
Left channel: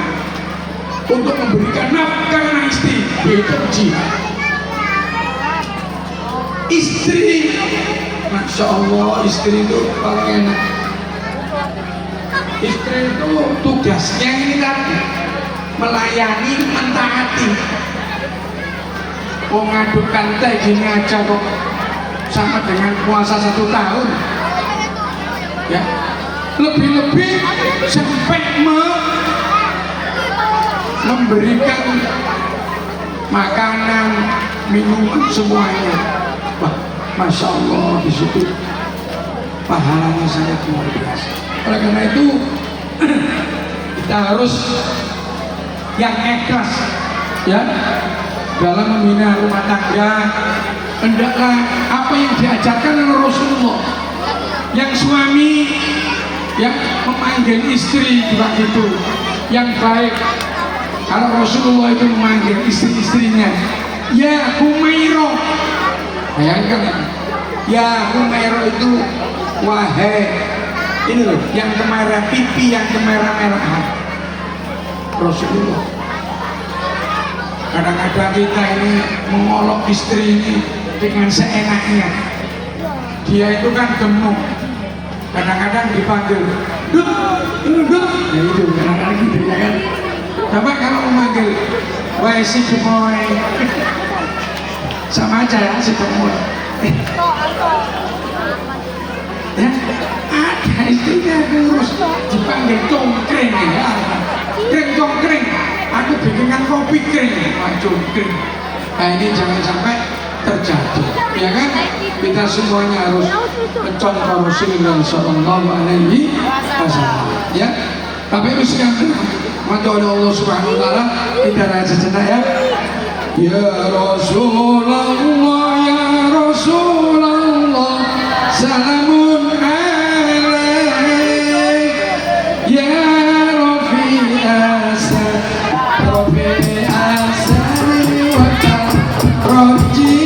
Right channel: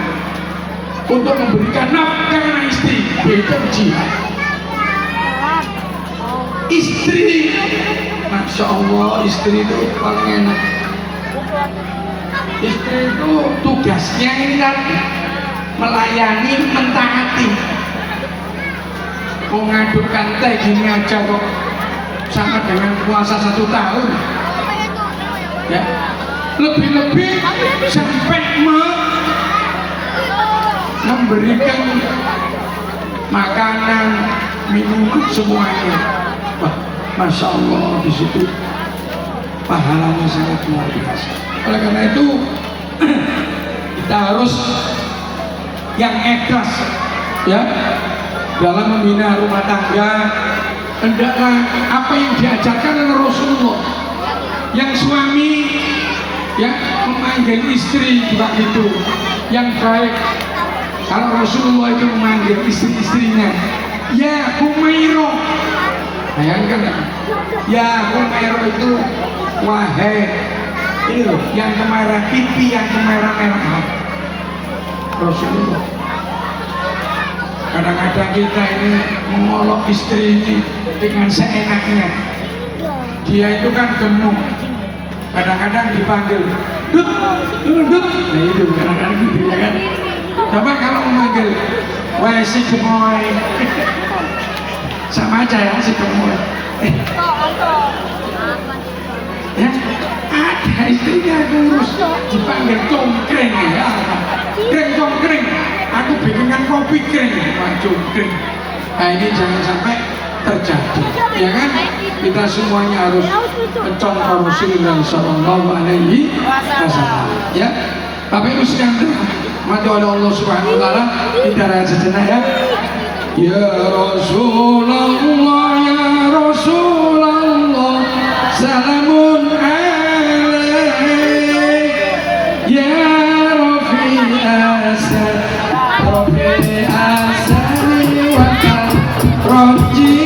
untuk memberikan nafkah istri itu jihad. istri, Masya Allah, istri itu paling enak. Istri itu tugasnya ini kan melayani, mentaati. Oh, ngadukkan teh gini aja kok sama dengan puasa 1 tahun, ya. Lebih-lebih sampai memberikan makanan, minum semuanya. Wah, Masya Allah, di situ pahalanya sangat luar biasa. Oleh karena itu kita harus yang ikhlas, ya, dalam membina rumah tangga. Hendaklah apa yang diajarkan oleh Rasulullah. Yang suami yang memanggil istri juga gitu, yang baik. Kalau Rasulullah itu memanggil istri-istrinya, ya Humairah, ya Humairah itu wahai, ini loh, yang kemerah pipi, yang kemerah-merahan. Rasulullah. Kadang-kadang kita ini mengolok istri ini dengan seenaknya. Dia itu kan gemuk. Kadang-kadang dipanggil, Dut, Dut. Nah itu, kadang-kadang gitu ya kan. Coba kalau memanggil, wah si gemoy, sama aja ya si gemoy. Ya, ada istrinya terus dipanggil congkring ya, kring congkring. Aku bikinkan kopi kring, wah congkring. Nah ini jangan sampai terjadi, ya kan? Kita semuanya harus mencontoh Rasulullah Sallallahu Alaihi Wasallam, ya. Tapi itu yang mati oleh Allah Subhanahu Wa Taala, kita raya sejenak ya. Ya Rasulullah, ya Rasulullah, salamun alaik, ya Rafi Asad, Rafi Asad wa Raji.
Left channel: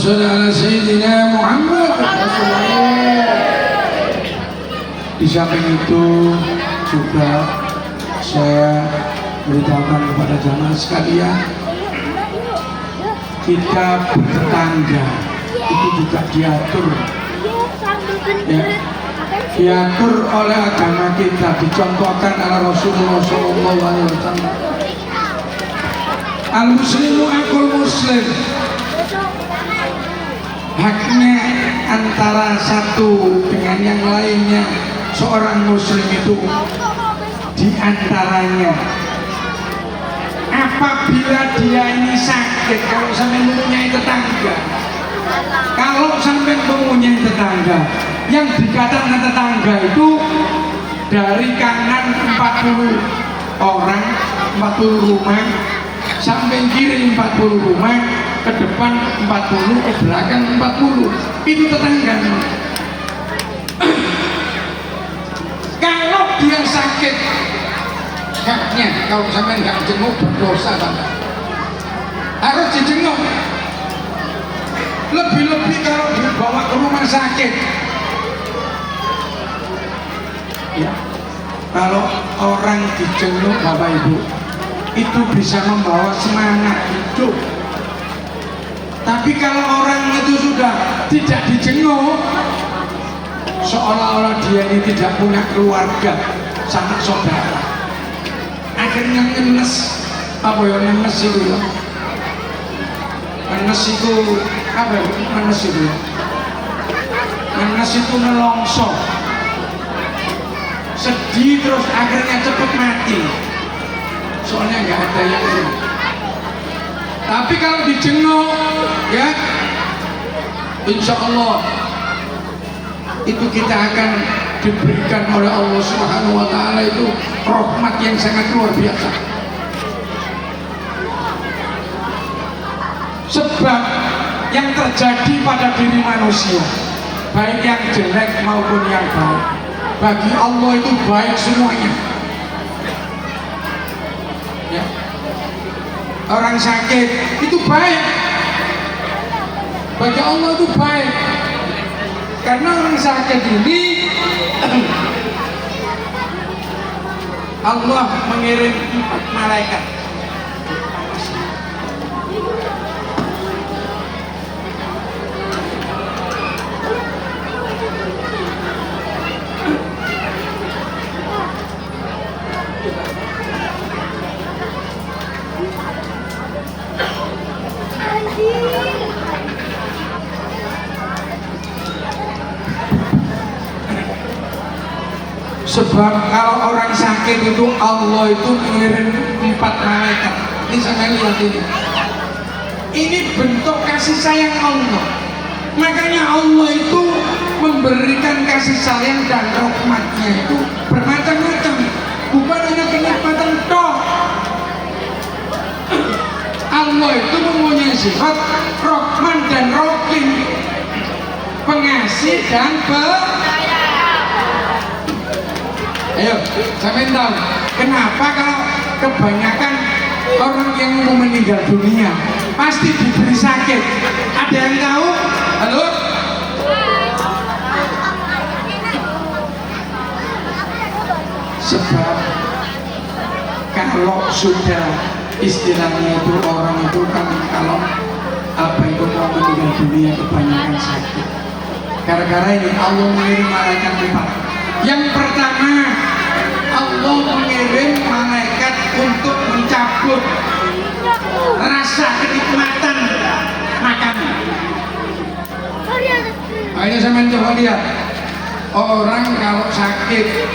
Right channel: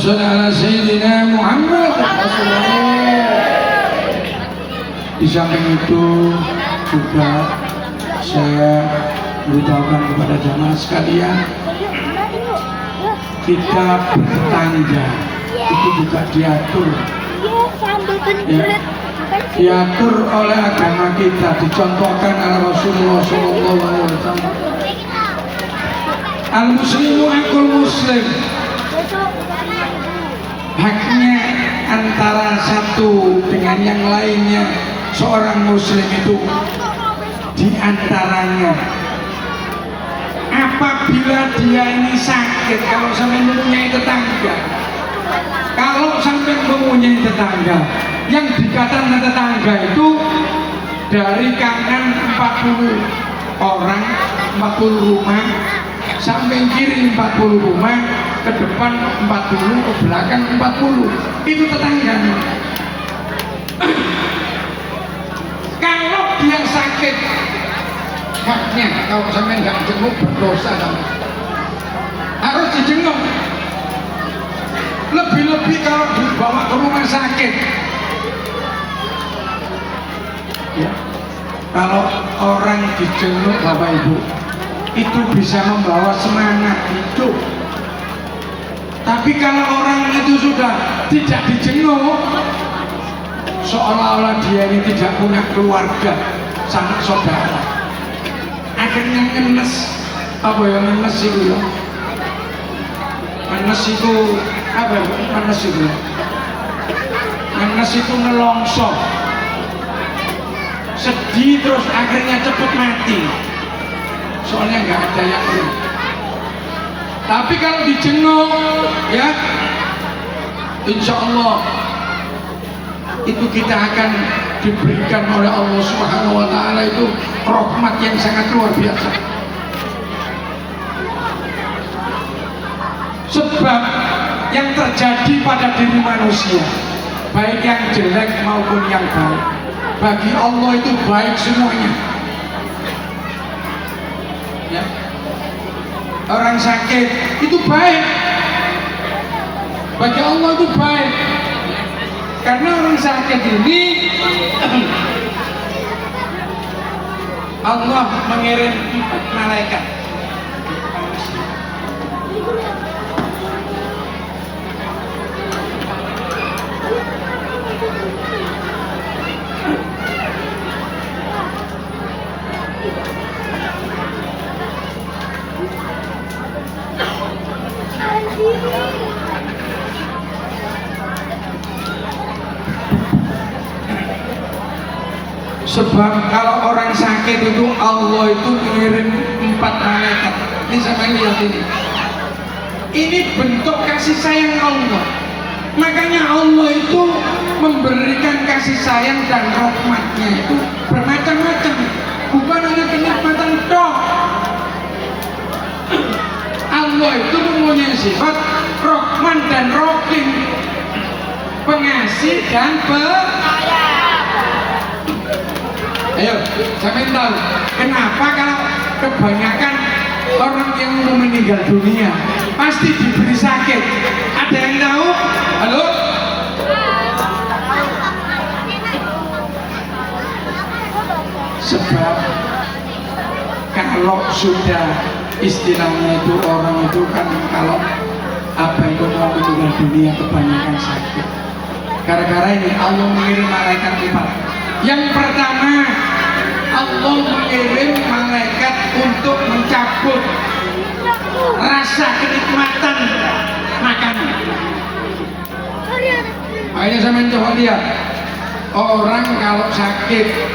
sholli ala sayyidina Muhammad. Di samping itu juga saya beritahukan kepada jamaah sekalian, kita bertetangga itu juga diatur, ya, diatur oleh agama kita, dicontohkan oleh Rasulullah SAW. Al-muslimu akul muslim, haknya antara satu dengan yang lainnya seorang muslim itu diantaranya apabila dia ini sakit. Kalau sampai mempunyai tetangga, kalau sampai mempunyai tetangga, yang dikatakan tetangga itu dari kanan 40 orang, 40 rumah, sampai kiri 40 rumah, ke depan 40, ke belakang 40, itu tetangga. Kalau dia sakit, haknya kalau sampai nggak jenguk berdosa sama. Harus dijenguk. Lebih-lebih kalau dibawa ke rumah sakit. Ya. Kalau orang dijenguk Bapak Ibu, itu bisa membawa semangat hidup. Tapi kalau orang itu sudah tidak dijenguk, seolah-olah dia ini tidak punya keluarga, sanak saudara. Akhirnya ngenes. Apa yang ngenes itu? Ngenes itu apa? Ngenes itu? Ngenes itu nelongso. Sedih terus akhirnya cepat mati. Soalnya nggak ada yang ini. Tapi kalau dijenguk, ya, insya Allah itu kita akan diberikan oleh Allah Subhanahu wa Ta'ala itu rahmat yang sangat luar biasa. Sebab yang terjadi pada diri manusia, baik yang jelek maupun yang baik, bagi Allah itu baik semuanya. Ya. Orang sakit itu baik, bagi Allah itu baik. Karena orang sakit ini Allah mengirim 4 malaikat. Sebab kalau orang sakit itu Allah itu mengirim 4 malaikat. Ini sampai lihat ini. Ini bentuk kasih sayang Allah. Makanya Allah itu memberikan kasih sayang dan rahmatnya itu bermacam-macam. Bukan hanya kenikmatan toh. Allah itu mempunyai sifat Rahman dan Rahim, pengasih dan Ayo, saya tahu kenapa kalau kebanyakan orang yang mau meninggal dunia pasti diberi sakit. Ada yang tahu? Halo? Sebab kalau sudah istilahnya itu orang itu kan kalau apa itu mau meninggal dunia kebanyakan sakit. Gara-gara ini Allah mengirim malaikat 4. Yang pertama, Allah mengirim malaikat untuk mencabut rasa kenikmatan makanan. Makanya sama coba lihat, orang kalau sakit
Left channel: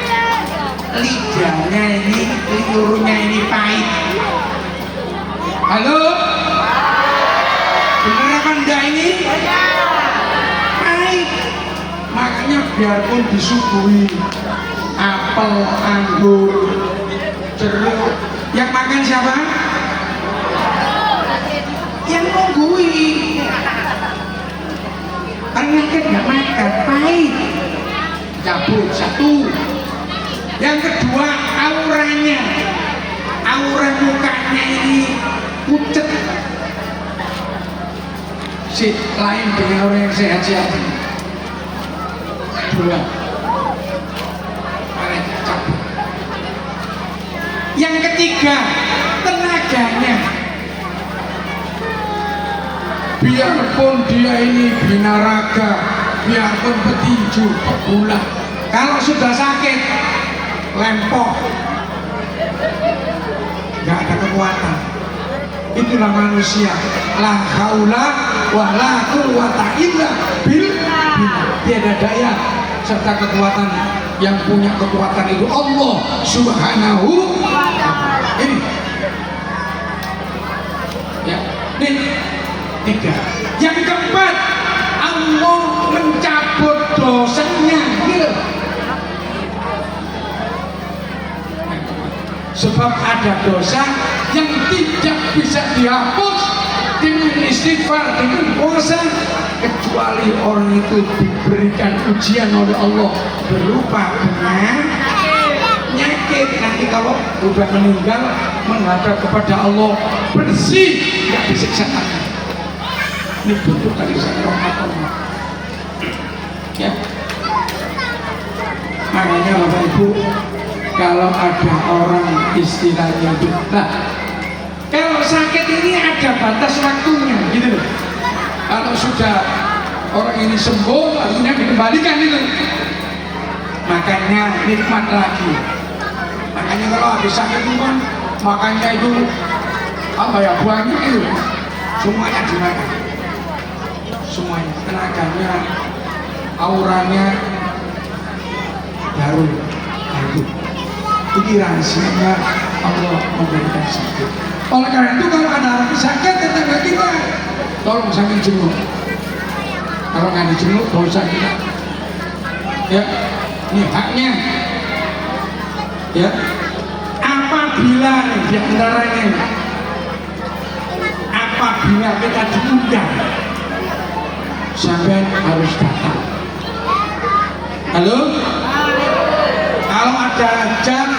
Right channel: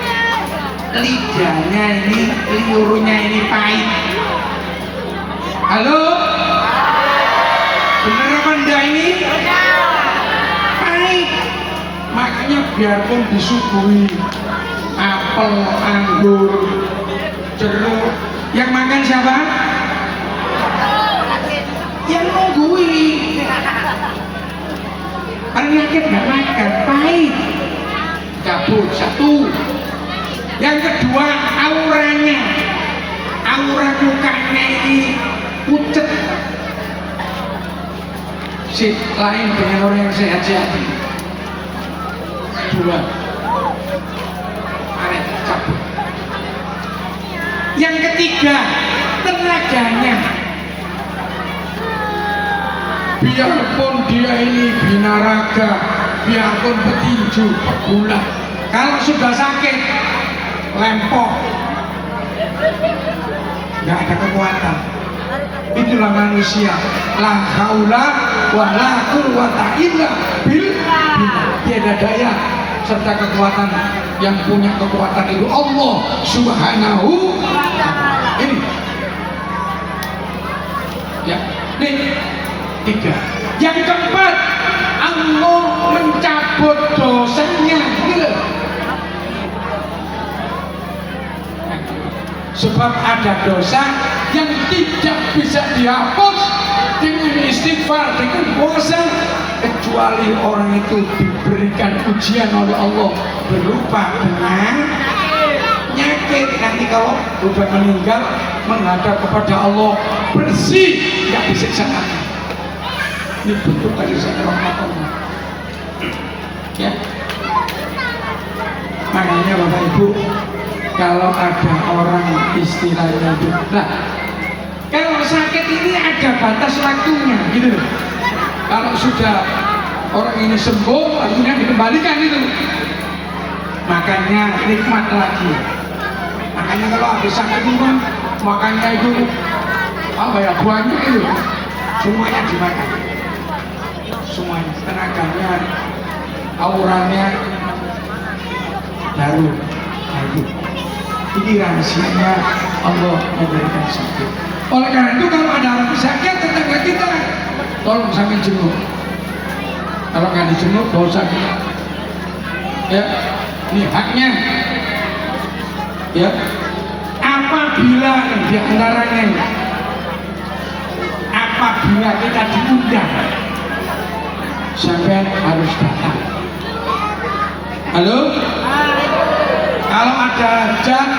lidahnya ini, liurnya ini pahit. Halo? Bener apa enggak ini? Pahit. Makanya biarpun disuguhi apel, anggur, jeruk, yang makan siapa? Yang nunggui. Penyakit nggak makan, pahit. Cabut satu. Yang kedua, auranya, aura mukanya ini pucet. lain dengan orang yang sehat-sehat. Dua. Capek. Yang ketiga, tenaganya. Biarpun dia ini binaraga, biarpun petinju, pebula, kalau sudah sakit, lempoh, nggak ada kekuatan. Itulah manusia. La haula wa la quwwata illa billah. Tiada daya serta kekuatan, yang punya kekuatan itu Allah Subhanahu wa ta'ala. Ini ya, ini tiga. Yang keempat, Allah mencabut dosanya gitu. Sebab ada dosa yang tidak bisa dihapus dengan istighfar, dengan puasa, kecuali orang itu diberikan ujian oleh Allah berupa dengan nyakit. Nanti kalau sudah meninggal menghadap kepada Allah bersih, nggak disiksa lagi. Ini bentuk dari rahmat Allah. Ya, makanya Bapak Ibu, kalau ada orang istilahnya itu, nah, kalau sakit ini ada batas waktunya, gitu. Kalau sudah orang ini sembuh, lalu dikembalikan itu, makannya nikmat lagi. Makanya kalau habis sakit itu kan makannya itu apa ya, banyak itu, semuanya dimakan, semuanya, tenaganya, auranya baru. Ini rahasianya Allah memberikan sakit. Oleh karena itu kalau ada orang sakit, tetangga kita tolong sambil jenguk. Kalau nggak dijenguk, gak usah kita. Ya, ini haknya. Ya, apabila di antaranya, apabila kita diundang, sampai harus datang. Halo? Kalau ada hajat,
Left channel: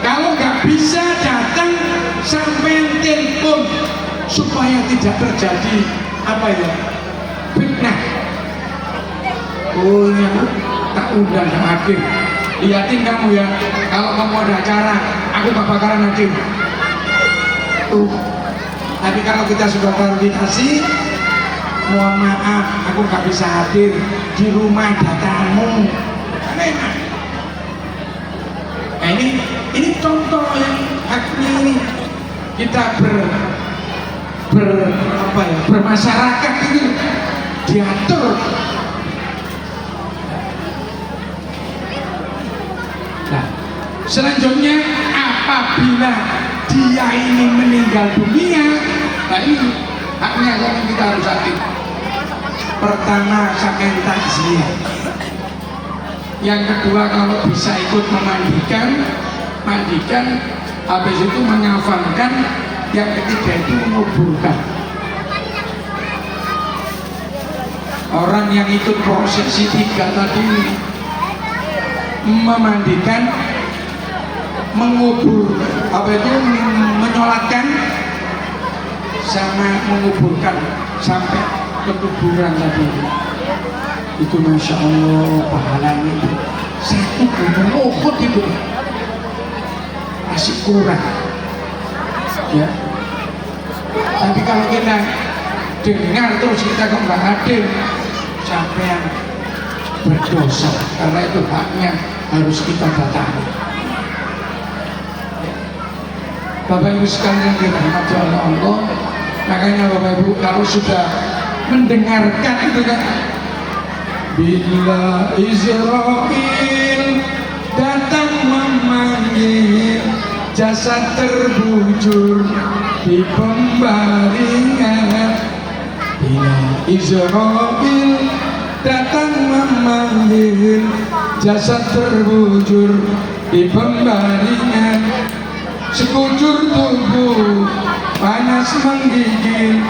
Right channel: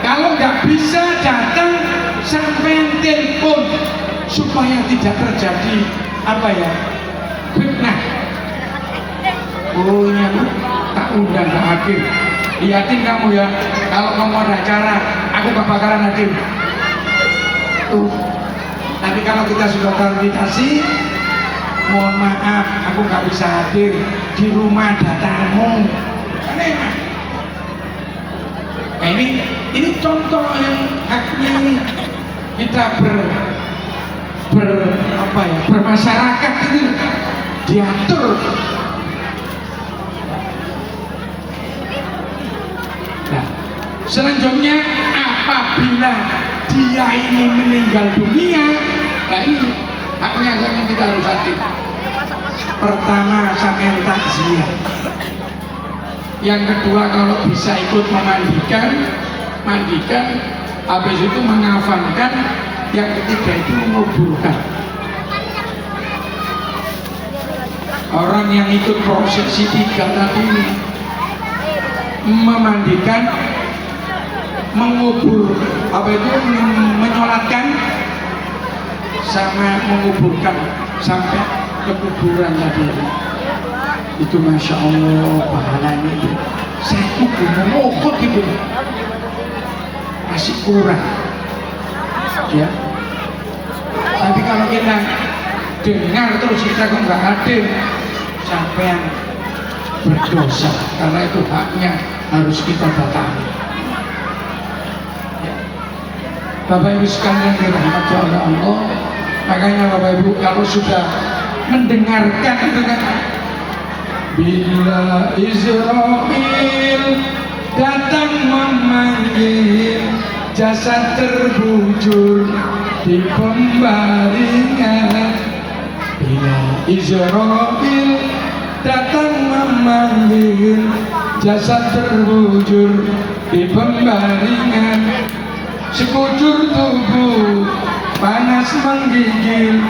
kalau nggak bisa datang, sampai telepon supaya tidak terjadi apa ya, fitnah. Oh iya, tak undang ke hakim. Lihatin kamu ya, kalau kamu ada acara, aku gak bakalan hakim. Tapi kalau kita sudah klarifikasi, mohon maaf, aku nggak bisa hadir di rumah datamu. Aneh. Nah ini contoh yang haknya ini kita bermasyarakat ini diatur. Nah, selanjutnya apabila dia ini meninggal dunia, nah ini haknya yang kita harus hadir. Pertama, sampai takziah. Yang kedua, kalau bisa ikut mandikan, habis itu mengafankan. Yang ketiga itu menguburkan. Orang yang ikut prosesi tiga tadi, memandikan, mengubur, apa itu, menyolatkan, sama menguburkan sampai ke kuburan tadi. Itu Masya Allah pahalanya itu satu gunung Uhud itu masih kurang ya. Tapi kalau kita dengar terus kita kok nggak hadir, siapa yang berdosa, karena itu haknya harus kita batasi ya. Bapak Ibu sekalian dirahmati oleh Allah, makanya Bapak Ibu kalau sudah mendengarkan itu kan, bila Israel datang memanggil, jasad terbujur di pembaringan. Bila Israel datang memanggil, jasad terbujur di pembaringan. Sekujur tubuh panas menggigil,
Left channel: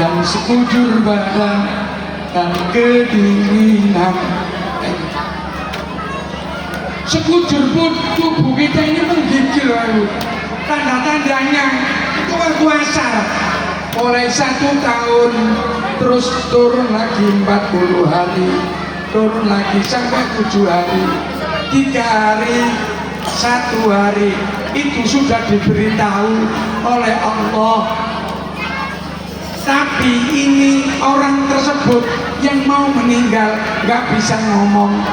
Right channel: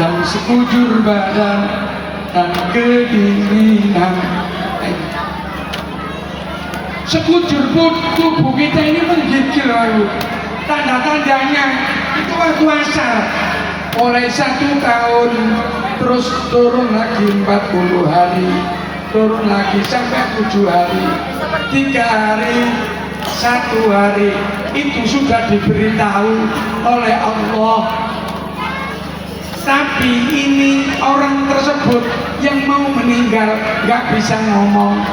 dan sekujur badan dan kedinginan. Sekujur tubuh kita ini menggigil lalu. Tanda-tandanya itu waktu asar. mulai 1 tahun terus turun lagi 40 hari, turun lagi sampai 7 hari, 3 hari, 1 hari. Itu sudah diberitahu oleh Allah. Tapi ini orang tersebut yang mau meninggal nggak bisa ngomong,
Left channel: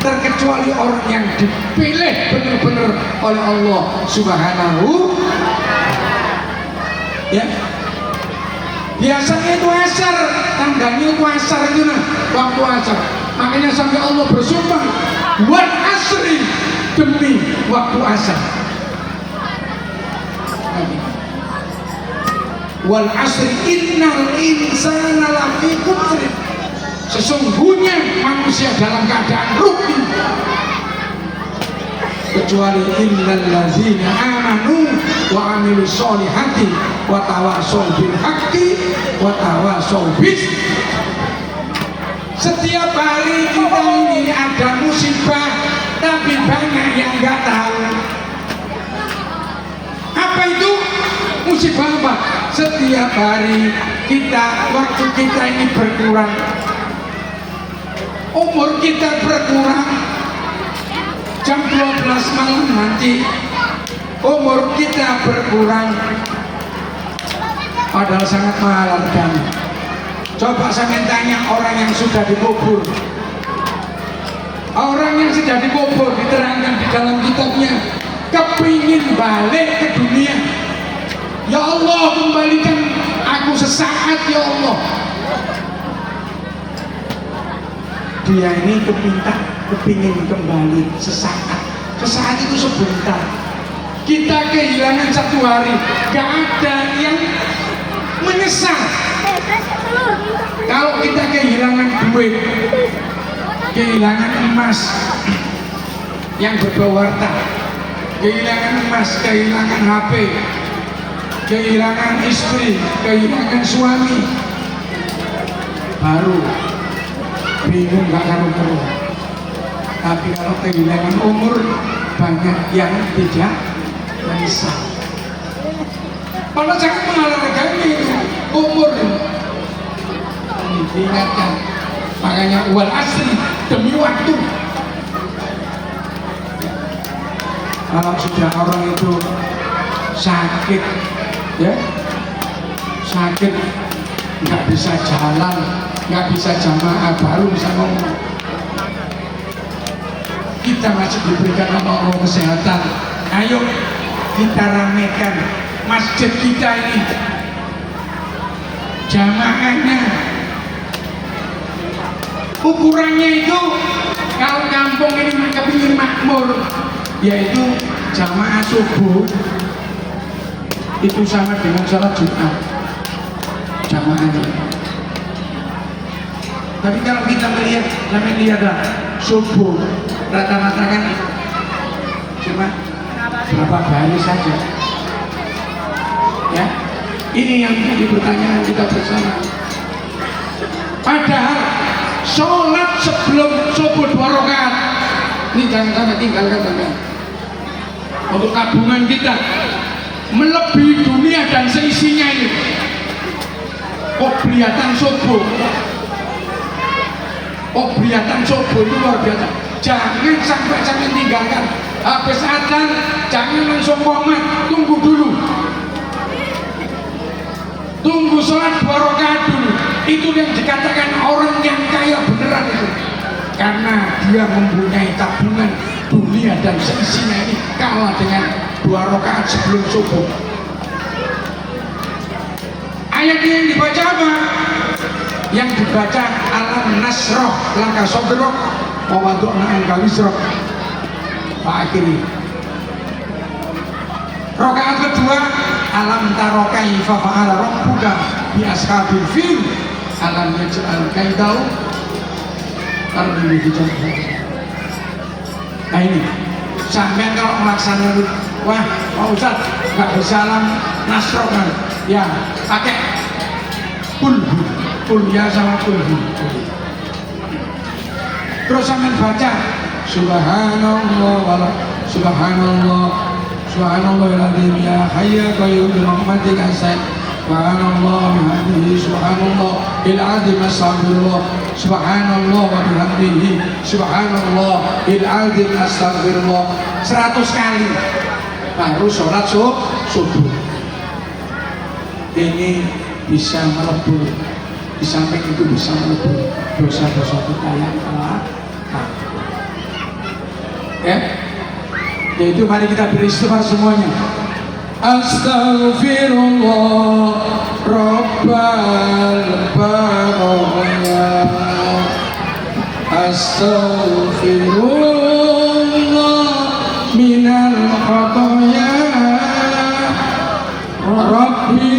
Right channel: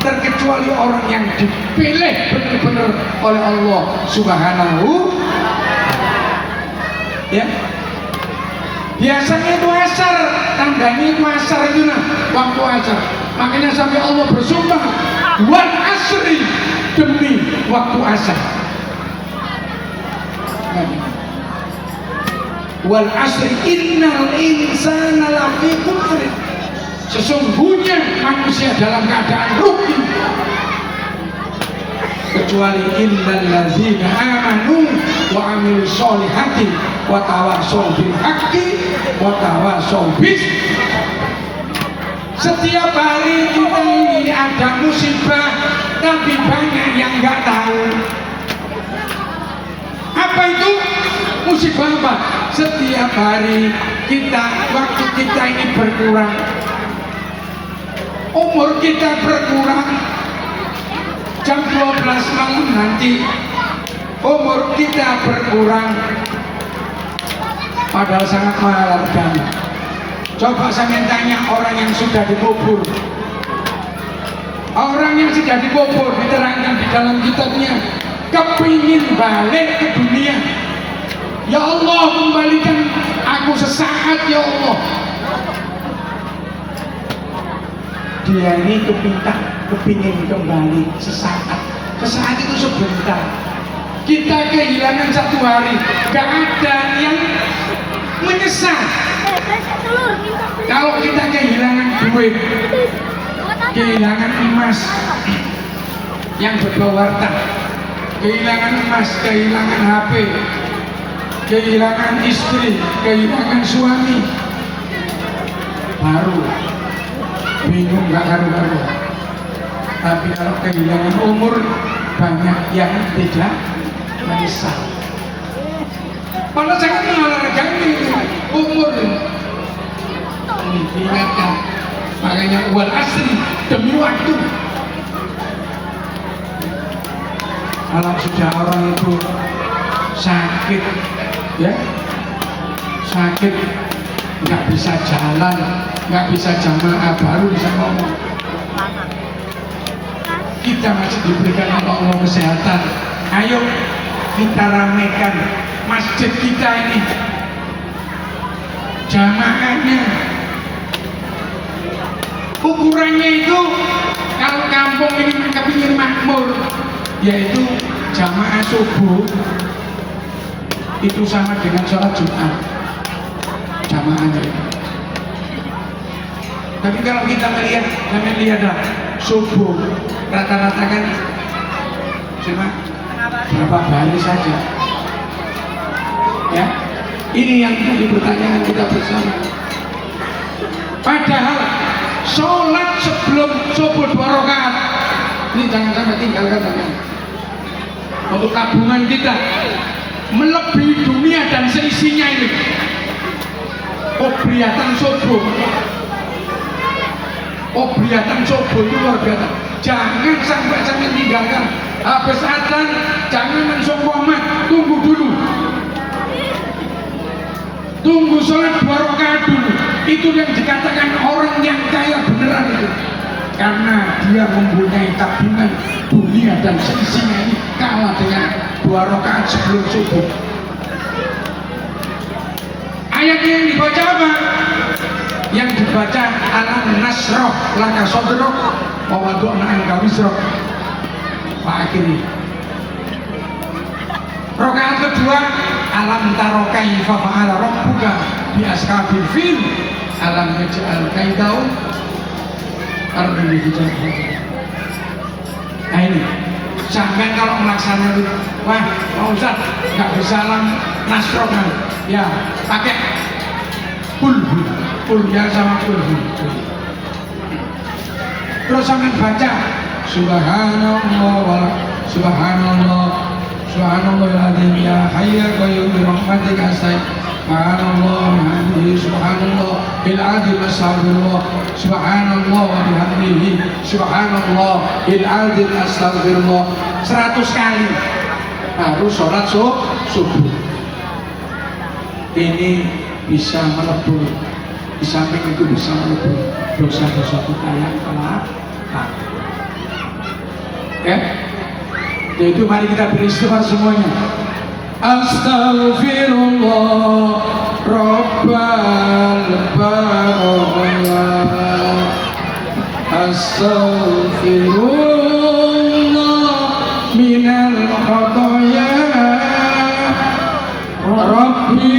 terkecuali orang yang dipilih benar-benar oleh Allah Subhanahu. Ya, biasanya itu asar, tandanya itu asar itu nah, waktu asar. Makanya sampai Allah bersumpah, wal asri, demi waktu asar. Wal asri innal insana lafi khusr. Sesungguhnya manusia dalam keadaan rugi, kecuali innal ladzina amanu wa amilus solihati wa tawassaw bil haqqi wa tawassaw bis. Setiap hari kita ini ada musibah, tapi banyak yang nggak tahu. Apa itu musibah apa? Setiap hari kita, waktu kita ini berkurang, umur kita berkurang. Jam 12 malam nanti umur kita berkurang, padahal sangat mahal harganya. Coba saya tanya orang yang sudah dikubur, orang yang sudah dikubur, diterangkan di dalam kitabnya, kepingin balik ke dunia. Ya Allah, kembalikan aku sesaat ya Allah. Dia ini kepingin kembali sesaat. Sesaat itu sebentar. Kita kehilangan 1 hari, gak ada yang menyesal. Kalau kita kehilangan duit, kehilangan emas yang berbau warta, kehilangan emas, kehilangan HP, kehilangan istri, kehilangan suami, baru bingung gak karu-karuan. Tapi kalau kehilangan umur, banyak yang tidak menyesal. Kalau sangat menghargai umur ini, diingatkan. Makanya wal asri, demi waktu. Kalau sudah orang itu sakit, ya sakit, nggak bisa jalan, nggak bisa jamaah, baru bisa ngomong. Kita masih diberikan oleh Allah kesehatan. Ayo kita ramaikan masjid kita ini, jamaahnya. Ukurannya itu kalau kampung ini kepingin makmur, yaitu jamaah subuh itu sama dengan sholat Jumat jamaahnya. Tapi kalau kita melihat lah subuh rata-rata kan cuma berapa baris saja. Ya, ini yang menjadi pertanyaan kita bersama. Padahal sholat sebelum subuh 2 rakaat ini jangan sampai tinggalkan teman. Untuk tabungan kita melebihi dunia dan seisinya ini. Obriatan subuh, obriatan subuh itu luar biasa. Jangan sampai tinggalkan. Habis adzan jangan langsung qomat, tunggu dulu. Tunggu sholat 2 rakaat dulu. Itu yang dikatakan orang yang kaya beneran itu, karena dia mempunyai tabungan dunia dan seisinya ini kalah dengan 2 rakaat sebelum subuh. Ayatnya yang dibaca apa? Yang dibaca alam nasroh laka sodroh wawadu'na anka wisroh. Pak akhiri rakaat kedua alam taro kaifa fa'ala rabbuka bi ashabil fil alam yaj'al kaidau ardi hijab. Nah ini sampai kalau melaksanakan, wah Pak Ustaz nggak bisa alam nasroh kan ya, pakai pul ya sama pul. Terus sampai baca subhanallah wala subhanallah Subhanallahil ya hayya qayyum bi rahmatika astaghfir. Subhanallah bihamdihi subhanallahil azim astaghfirullah. Subhanallah wa bihamdihi subhanallahil azim astaghfirullah. 100 kali baru sholat subuh. Ini bisa melebur, di samping itu bisa melebur dosa-dosa kita yang telah lalu. Ya, yaitu mari kita beristighfar semuanya. Astaghfirullah Rabbal baraya. Astaghfirullah minal khataya. Rabbi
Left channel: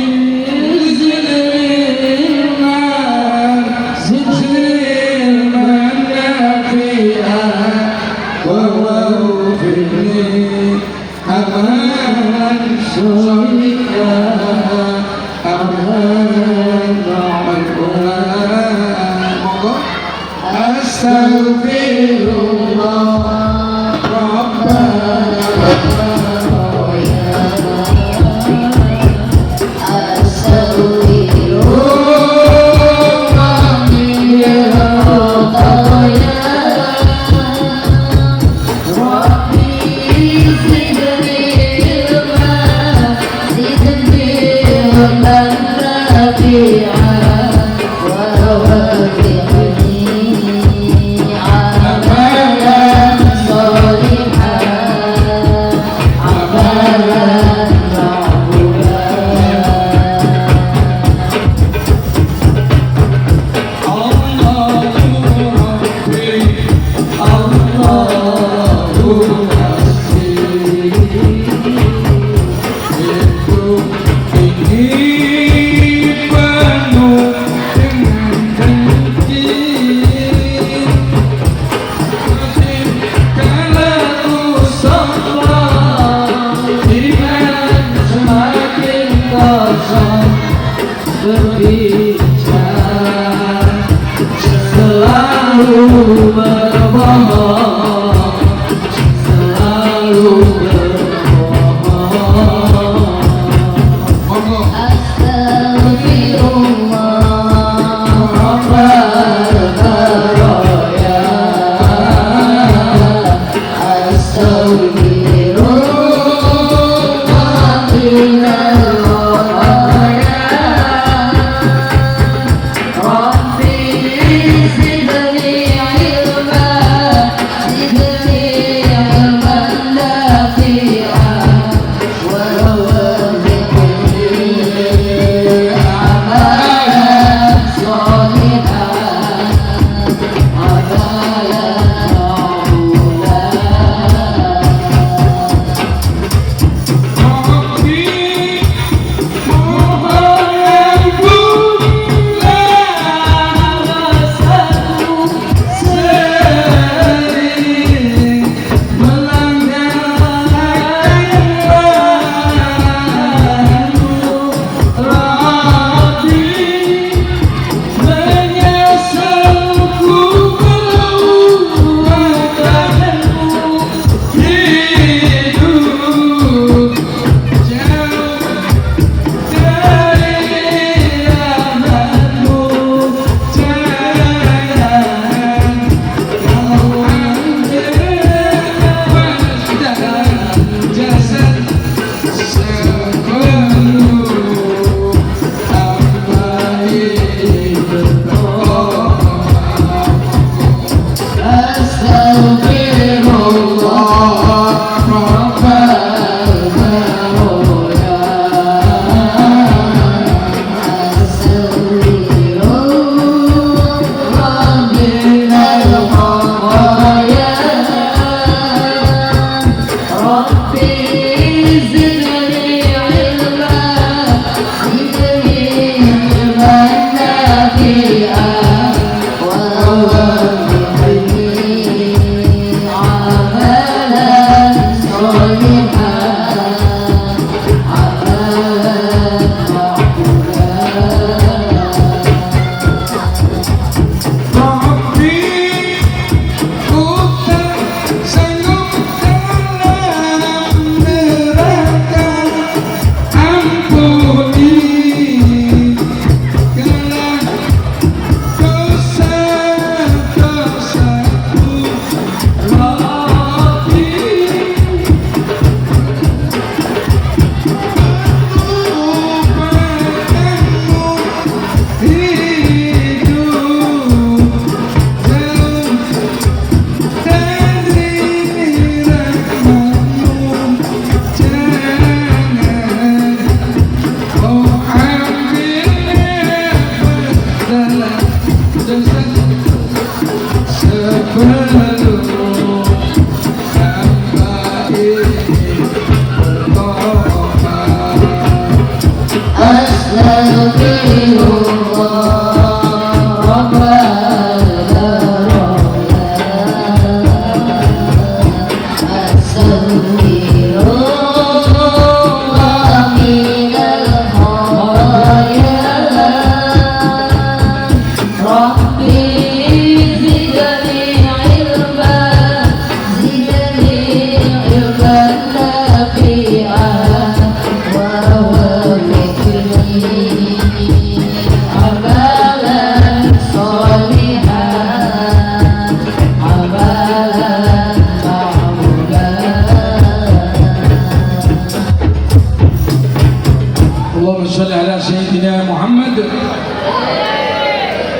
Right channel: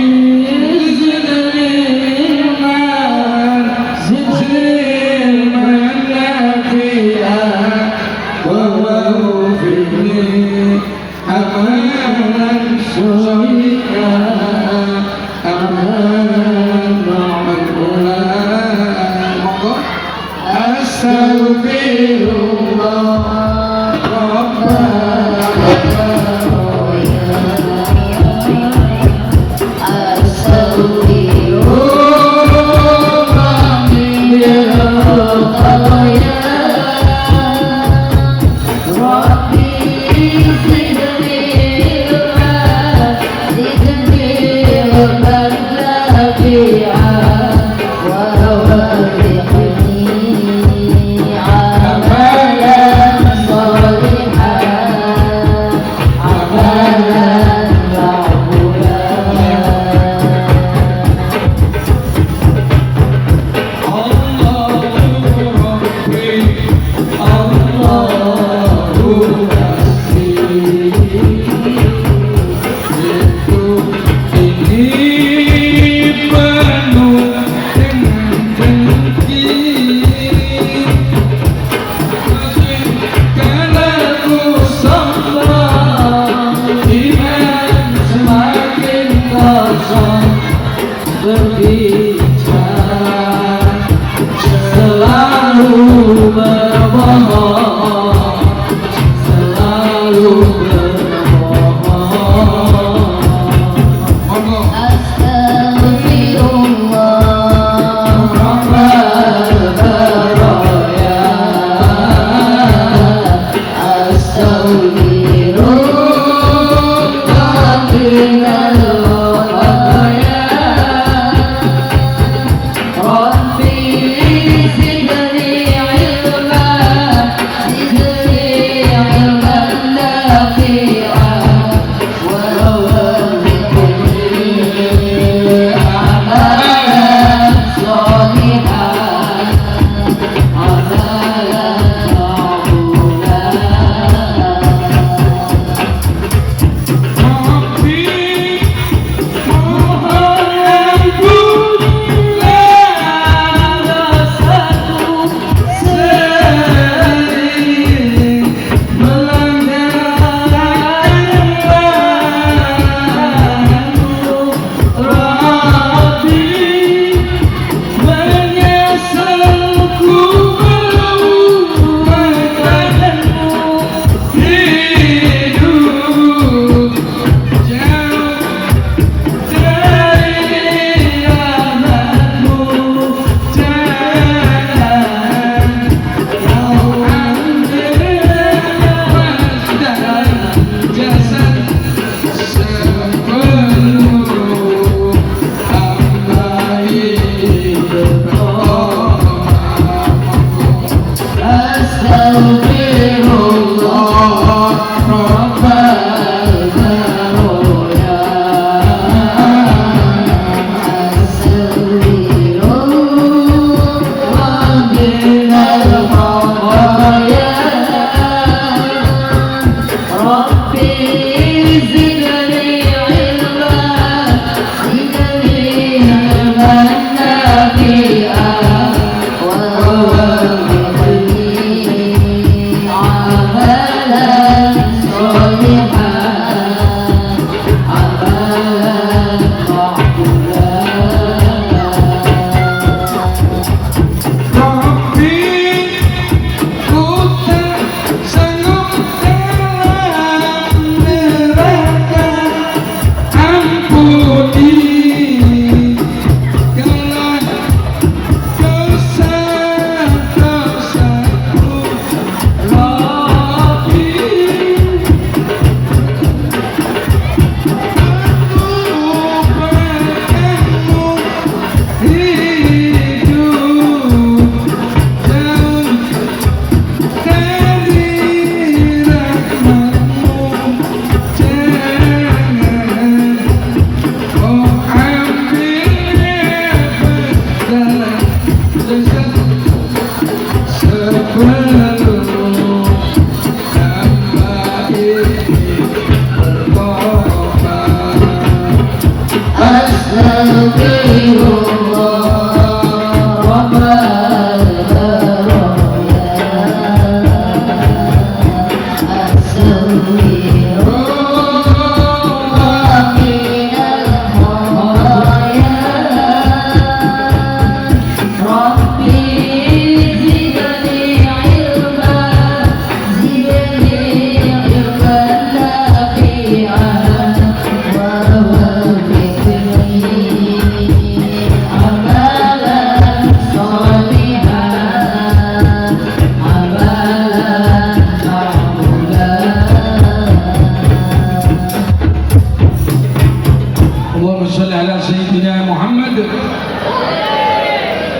Allahumma sholli ala Sayyidina Muhammad.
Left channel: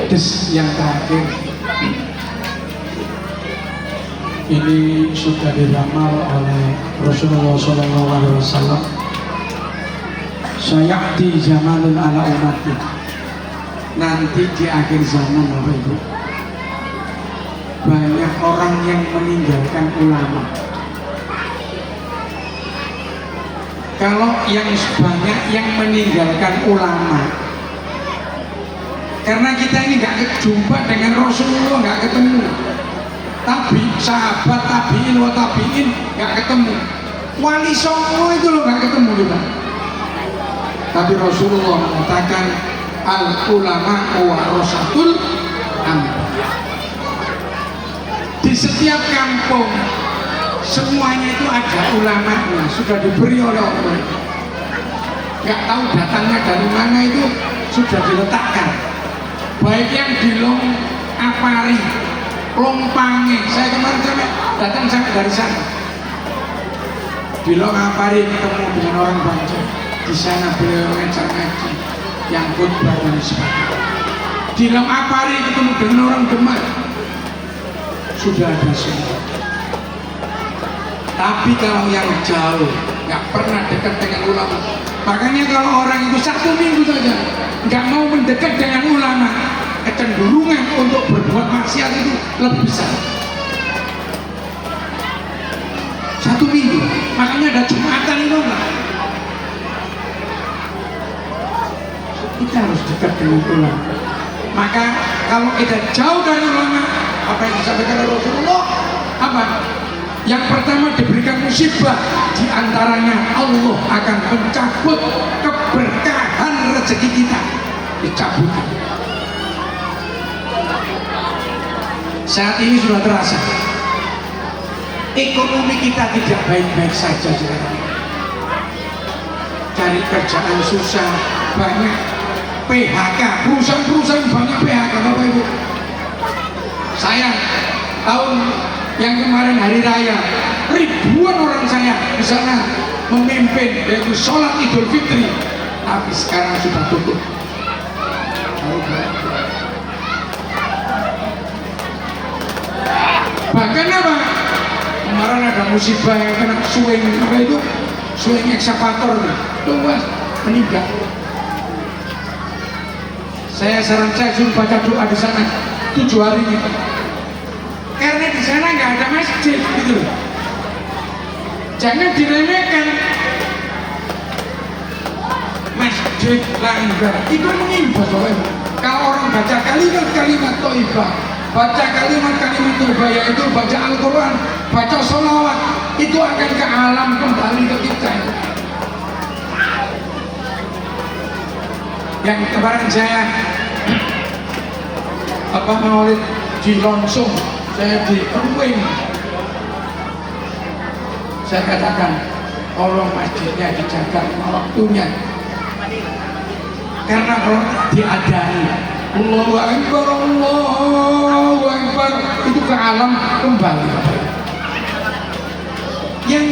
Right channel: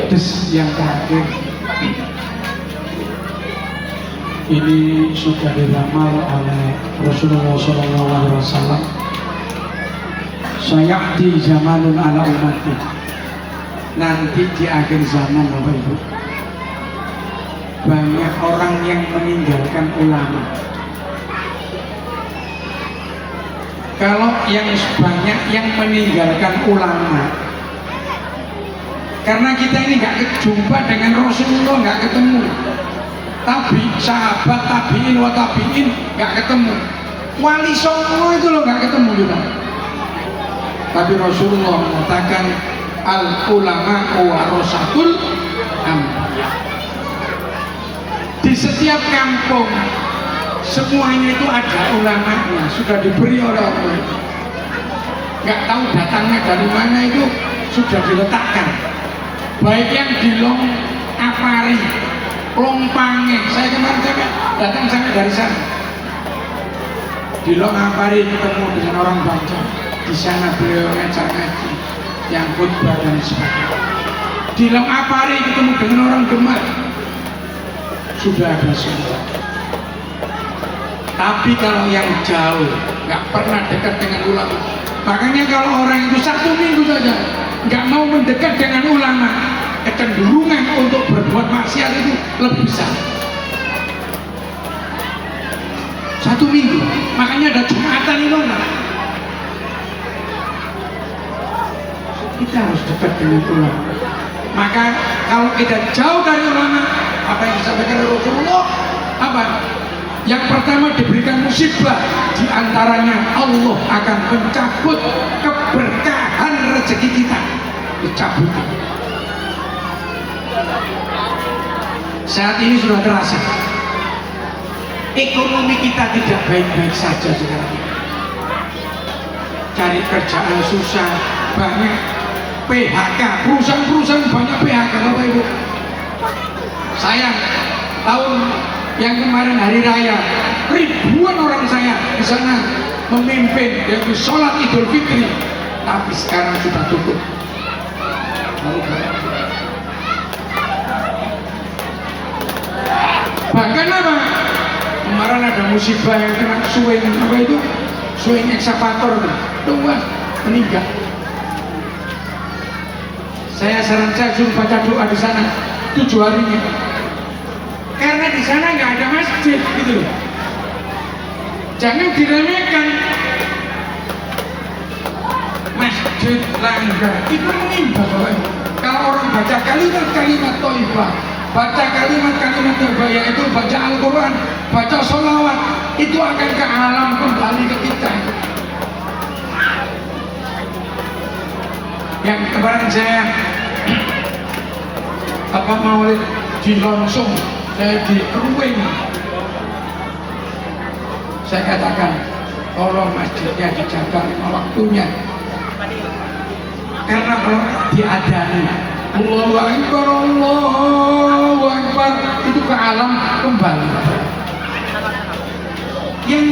Terus yang terakhir, ini sudah diramal oleh Rasulullah SAW. Sayati zamanun ala umati. Nanti di akhir zaman, Bapak Ibu, banyak orang yang meninggalkan ulama. Kalau yang banyak yang meninggalkan ulama, karena kita ini nggak jumpa dengan Rasulullah, nggak ketemu. Tapi sahabat tabiin wa tabiin nggak ketemu. Wali songo itu loh nggak ketemu juga. Tapi Rasulullah mengatakan al ulama warasatul anbiya. Di setiap kampung semuanya itu ada ulamanya, sudah diberi oleh Allah. Nggak tahu datangnya dari mana, itu sudah diletakkan. Baik yang di Long Apari, Longpange, saya kemarin datang sampai dari sana. Di Long Apari ketemu dengan orang Banjar. Di sana beliau ngajak ngaji, yang khutbah dan sebagainya. Di Long Apari ketemu dengan orang Demak. Sudah ada semua. Tapi kalau yang jauh, nggak pernah dekat dengan ulama. Makanya kalau orang itu 1 minggu saja nggak mau mendekat dengan ulama, kecenderungan untuk berbuat maksiat itu lebih besar. 1 minggu, makanya ada Jumatan itu enggak. Kita harus dekat dengan ulama. Maka kalau kita jauh dari ulama, apa yang disampaikan oleh Rasulullah, apa? Yang pertama diberikan musibah, diantaranya Allah akan mencabut keberkahan rezeki kita, dicabut. Saat ini sudah terasa ekonomi kita tidak baik-baik saja. Cari kerjaan susah, banyak PHK, perusahaan-perusahaan banyak PHK, Bapak Ibu. Saya tahun yang kemarin hari raya, ribuan orang saya di sana memimpin, yaitu sholat Idul Fitri, tapi sekarang sudah tutup. Bahkan apa? Kemarin ada musibah yang kena swing, apa itu? Swing eksavator, luas, meninggal. Saya suruh baca doa di sana 7 hari ini. Karena di sana nggak ada masjid, gitu loh. Jangan diremehkan. Masjid langgar itu menimpa, Bapak Ibu. Kalau orang baca kalimat thayyibah, baca kalimat-kalimat thayyibah, yaitu baca Al-Quran, baca sholawat, itu akan ke alam kembali ke kita. Yang kemarin saya maulid di Longsong, saya di Keruing, saya katakan tolong masjidnya dijaga waktunya, karena kalau diadani Allahu Akbar, Allahu Akbar, itu ke alam kembali. Yang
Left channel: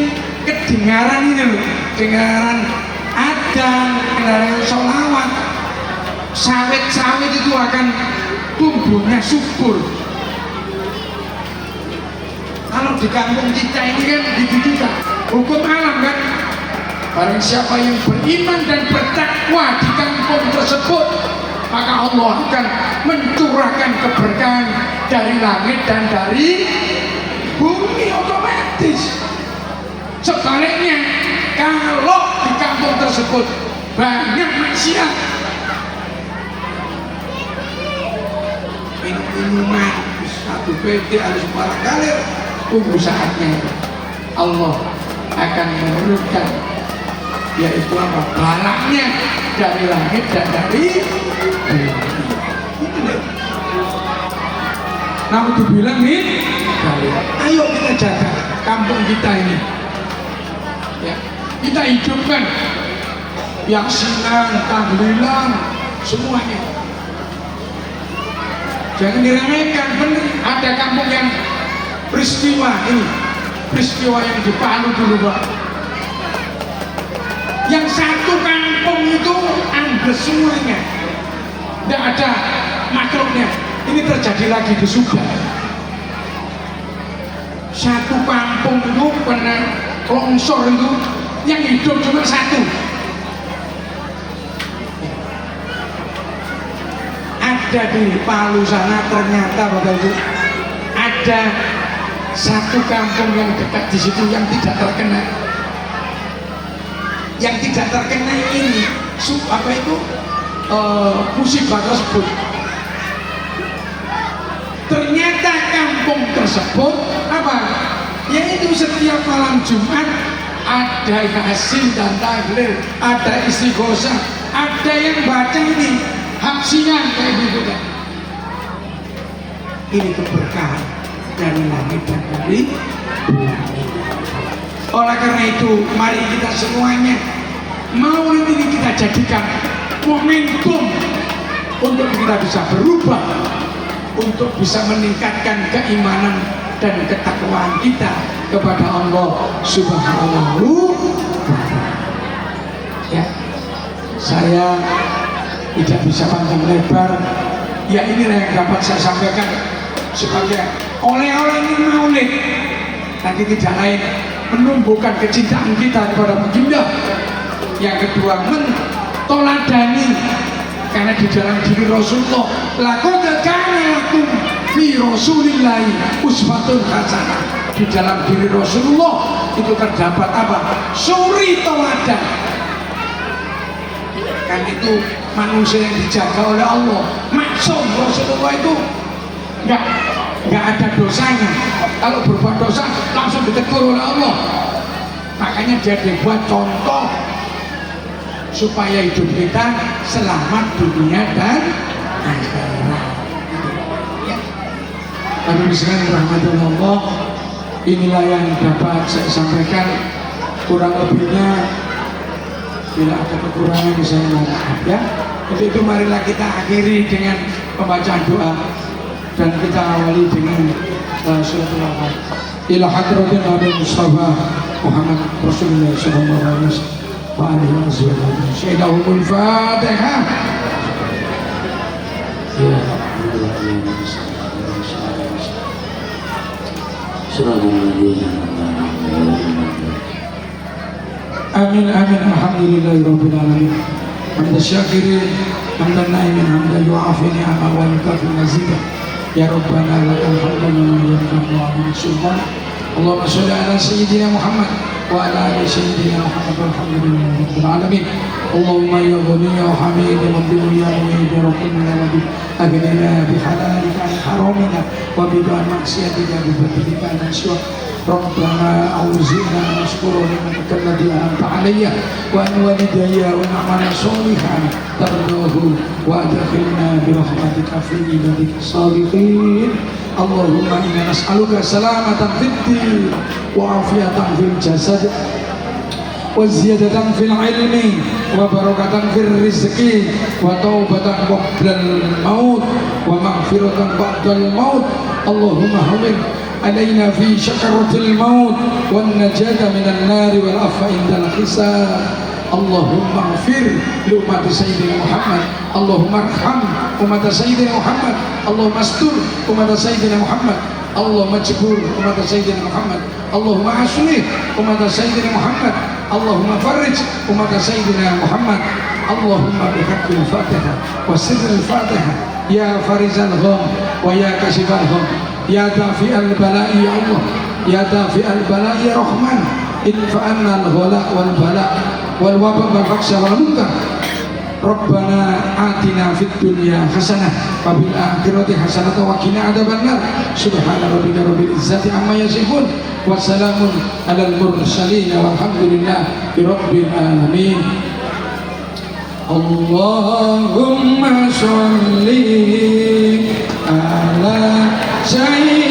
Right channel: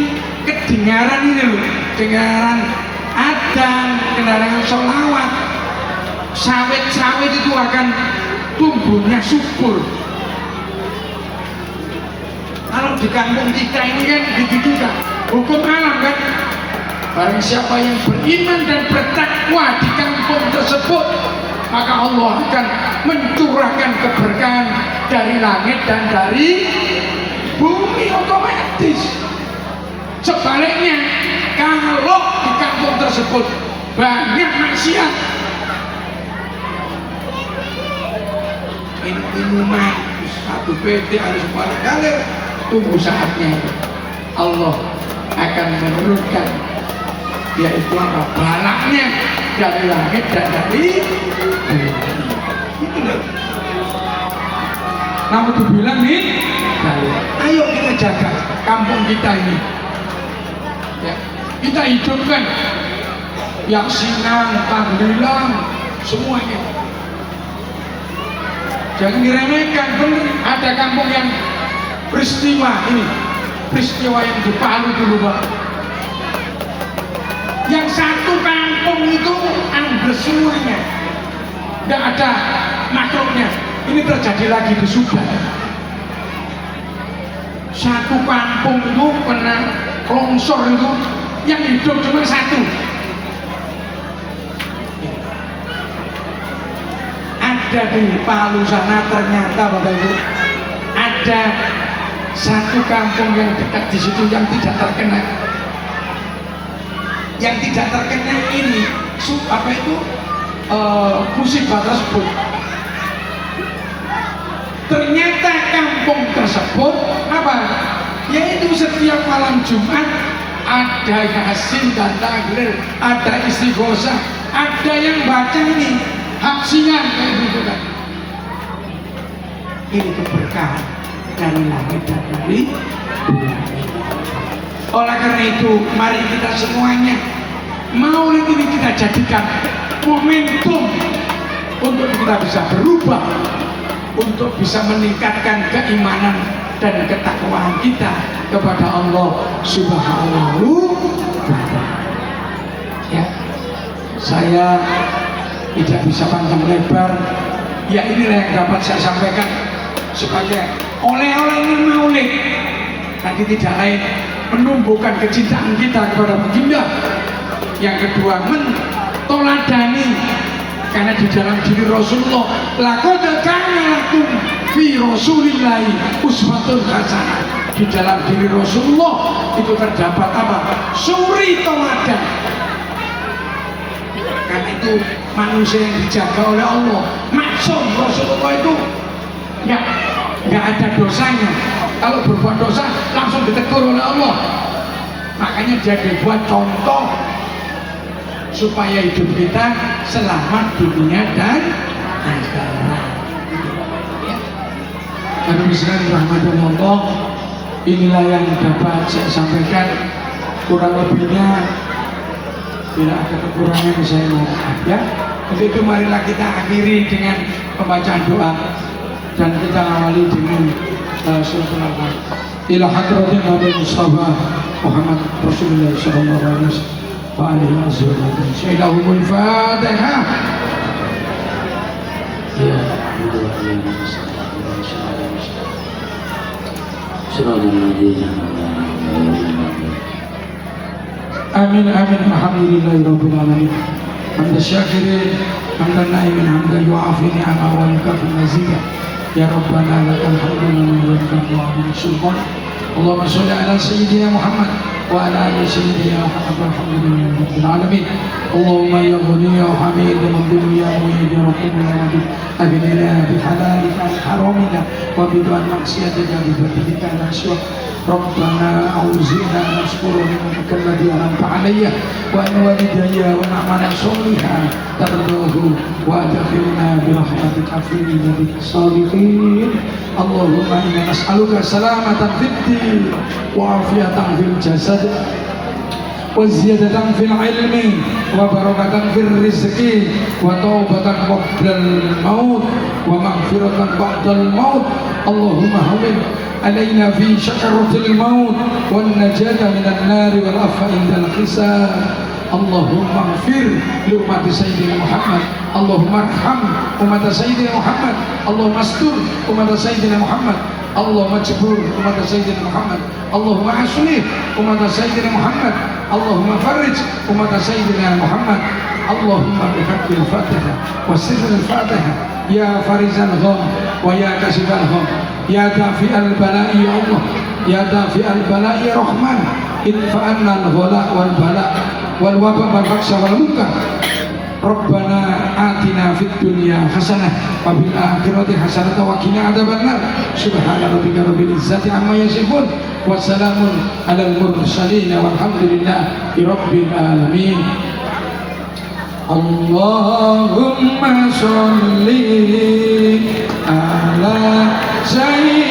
kedengaran ini loh, dengaran adzan, dengaran sholawat, sawit-sawit itu akan tumbuhnya subur. Kalau di kampung kita ini kan begitu kan, hukum alam kan. Barang siapa yang beriman dan bertakwa di kampung tersebut, maka Allah akan mencurahkan keberkahan dari langit dan dari bumi otomatis. Sebaliknya, kalau di kampung tersebut banyak maksiat. Minuman satu PT harus barangkali, tunggu saatnya Allah akan menurunkan yaitu apa? Balaknya dari langit dan dari bumi. Itu deh. Namun dibilang nih, ayo kita jaga kampung kita ini. Ya, kita hidupkan yang sinan, tahlilan, semuanya. Jangan diremehkan, benar. Ada kampung yang peristiwa ini, peristiwa yang di Palu dulu, Pak. Yang satu kampung itu ambles semuanya, tidak ada makhluknya. Ini terjadi lagi di Subang. Satu kampung itu kena longsor itu, yang hidup cuma satu. Ada di Palu sana ternyata Bapak Ibu, ada satu kampung yang dekat di situ yang tidak terkena. Yang tidak terkena ini apa itu musibah tersebut. Ternyata kampung tersebut apa? Yaitu setiap malam Jumat ada yasin dan tahlil, ada istighosah, ada yang baca ini hapsian kayak gitu kan. Ini keberkahan dari langit dan dari bumi. Oleh karena itu, mari kita semuanya maulid ini kita jadikan momentum untuk kita bisa berubah, untuk bisa meningkatkan keimanan dan ketakwaan kita kepada Allah Subhanahu wa Ta'ala. Ya, saya tidak bisa panjang lebar. Ya, inilah yang dapat saya sampaikan sebagai oleh-oleh ini maulid. Nanti tidak lain menumbuhkan kecintaan kita kepada baginda. Yang kedua, mentoladani, karena di dalam diri Rasulullah laqad kana lakum fi rasulillahi uswatun hasanah. Di dalam diri Rasulullah itu terdapat apa? Suri teladan. Kan itu manusia yang dijaga oleh Allah. Maksum Rasulullah itu nggak ada dosanya. Kalau berbuat dosa langsung ditegur oleh Allah. Makanya dia dibuat contoh supaya hidup kita selamat dunia dan akhirat. Tapi bismillahirrahmanirrahim. Inilah yang dapat saya sampaikan. Kurang lebihnya bila ada kekurangan saya mohon maaf ya. Untuk itu marilah kita akhiri dengan pembacaan doa dan kita awali dengan suratul Al-Fatihah. Ila hadratin Nabi Mustafa Muhammad Rasulullah sallallahu alaihi wasallam. Syaikhul Fatihah. Ya Amin amin alhamdulillahirabbil alamin. Hamdan syakirin, hamdan naimin, hamdan yu'afi ni'ama wa yukafi mazida. Ya Rabbana lakal hamdu wa yukafi wa sultan. Allahumma sholli ala sayyidina Muhammad wa ala ali sayyidina Muhammad walhamdulillahirabbil alamin. Allahumma ya ghani ya hamid ya mubin ya mu'id ya rahim ya wadud. Aghnina bihalalika an haramika wa bidan maksiatika bi fadlika an syukur. ربنا أوزعنا أن نشكر نعمتك التي أنعمت علي وأن والدي ونعمنا صالحا ترضاه وأدخلنا برحمتك في عبادك الصالحين. اللهم إنا نسألك سلامة في الدين وعافية في الجسد وزيادة في العلم وبركة في الرزق وتوبة قبل الموت ومغفرة بعد الموت. اللهم هون علينا في شكرة الموت والنجاة من النار والعفو عند الحساب. اللهم اغفر لأمة سيدنا محمد. اللهم ارحم أمة سيدنا محمد. اللهم استر أمة سيدنا محمد. اللهم اجبر أمة سيدنا محمد. اللهم أصلح أمة سيدنا محمد. اللهم فرج أمة سيدنا محمد. اللهم بحق الفاتحة وسر الفاتحة يا فارج الغم ويا كاشف الغم يا دافع البلاء يا الله يا دافع البلاء يا رحمن ادفع عنا الغلاء والبلاء wal wabah wal faksa wal munkar. Rabbana atina fid dunya hasanah wa fil akhirati hasanah wa qina adzabannar. Subhana rabbika rabbil izzati amma yasifun wa salamun alal mursalin walhamdulillahi rabbil alamin. Allahumma sholli ala sayyidina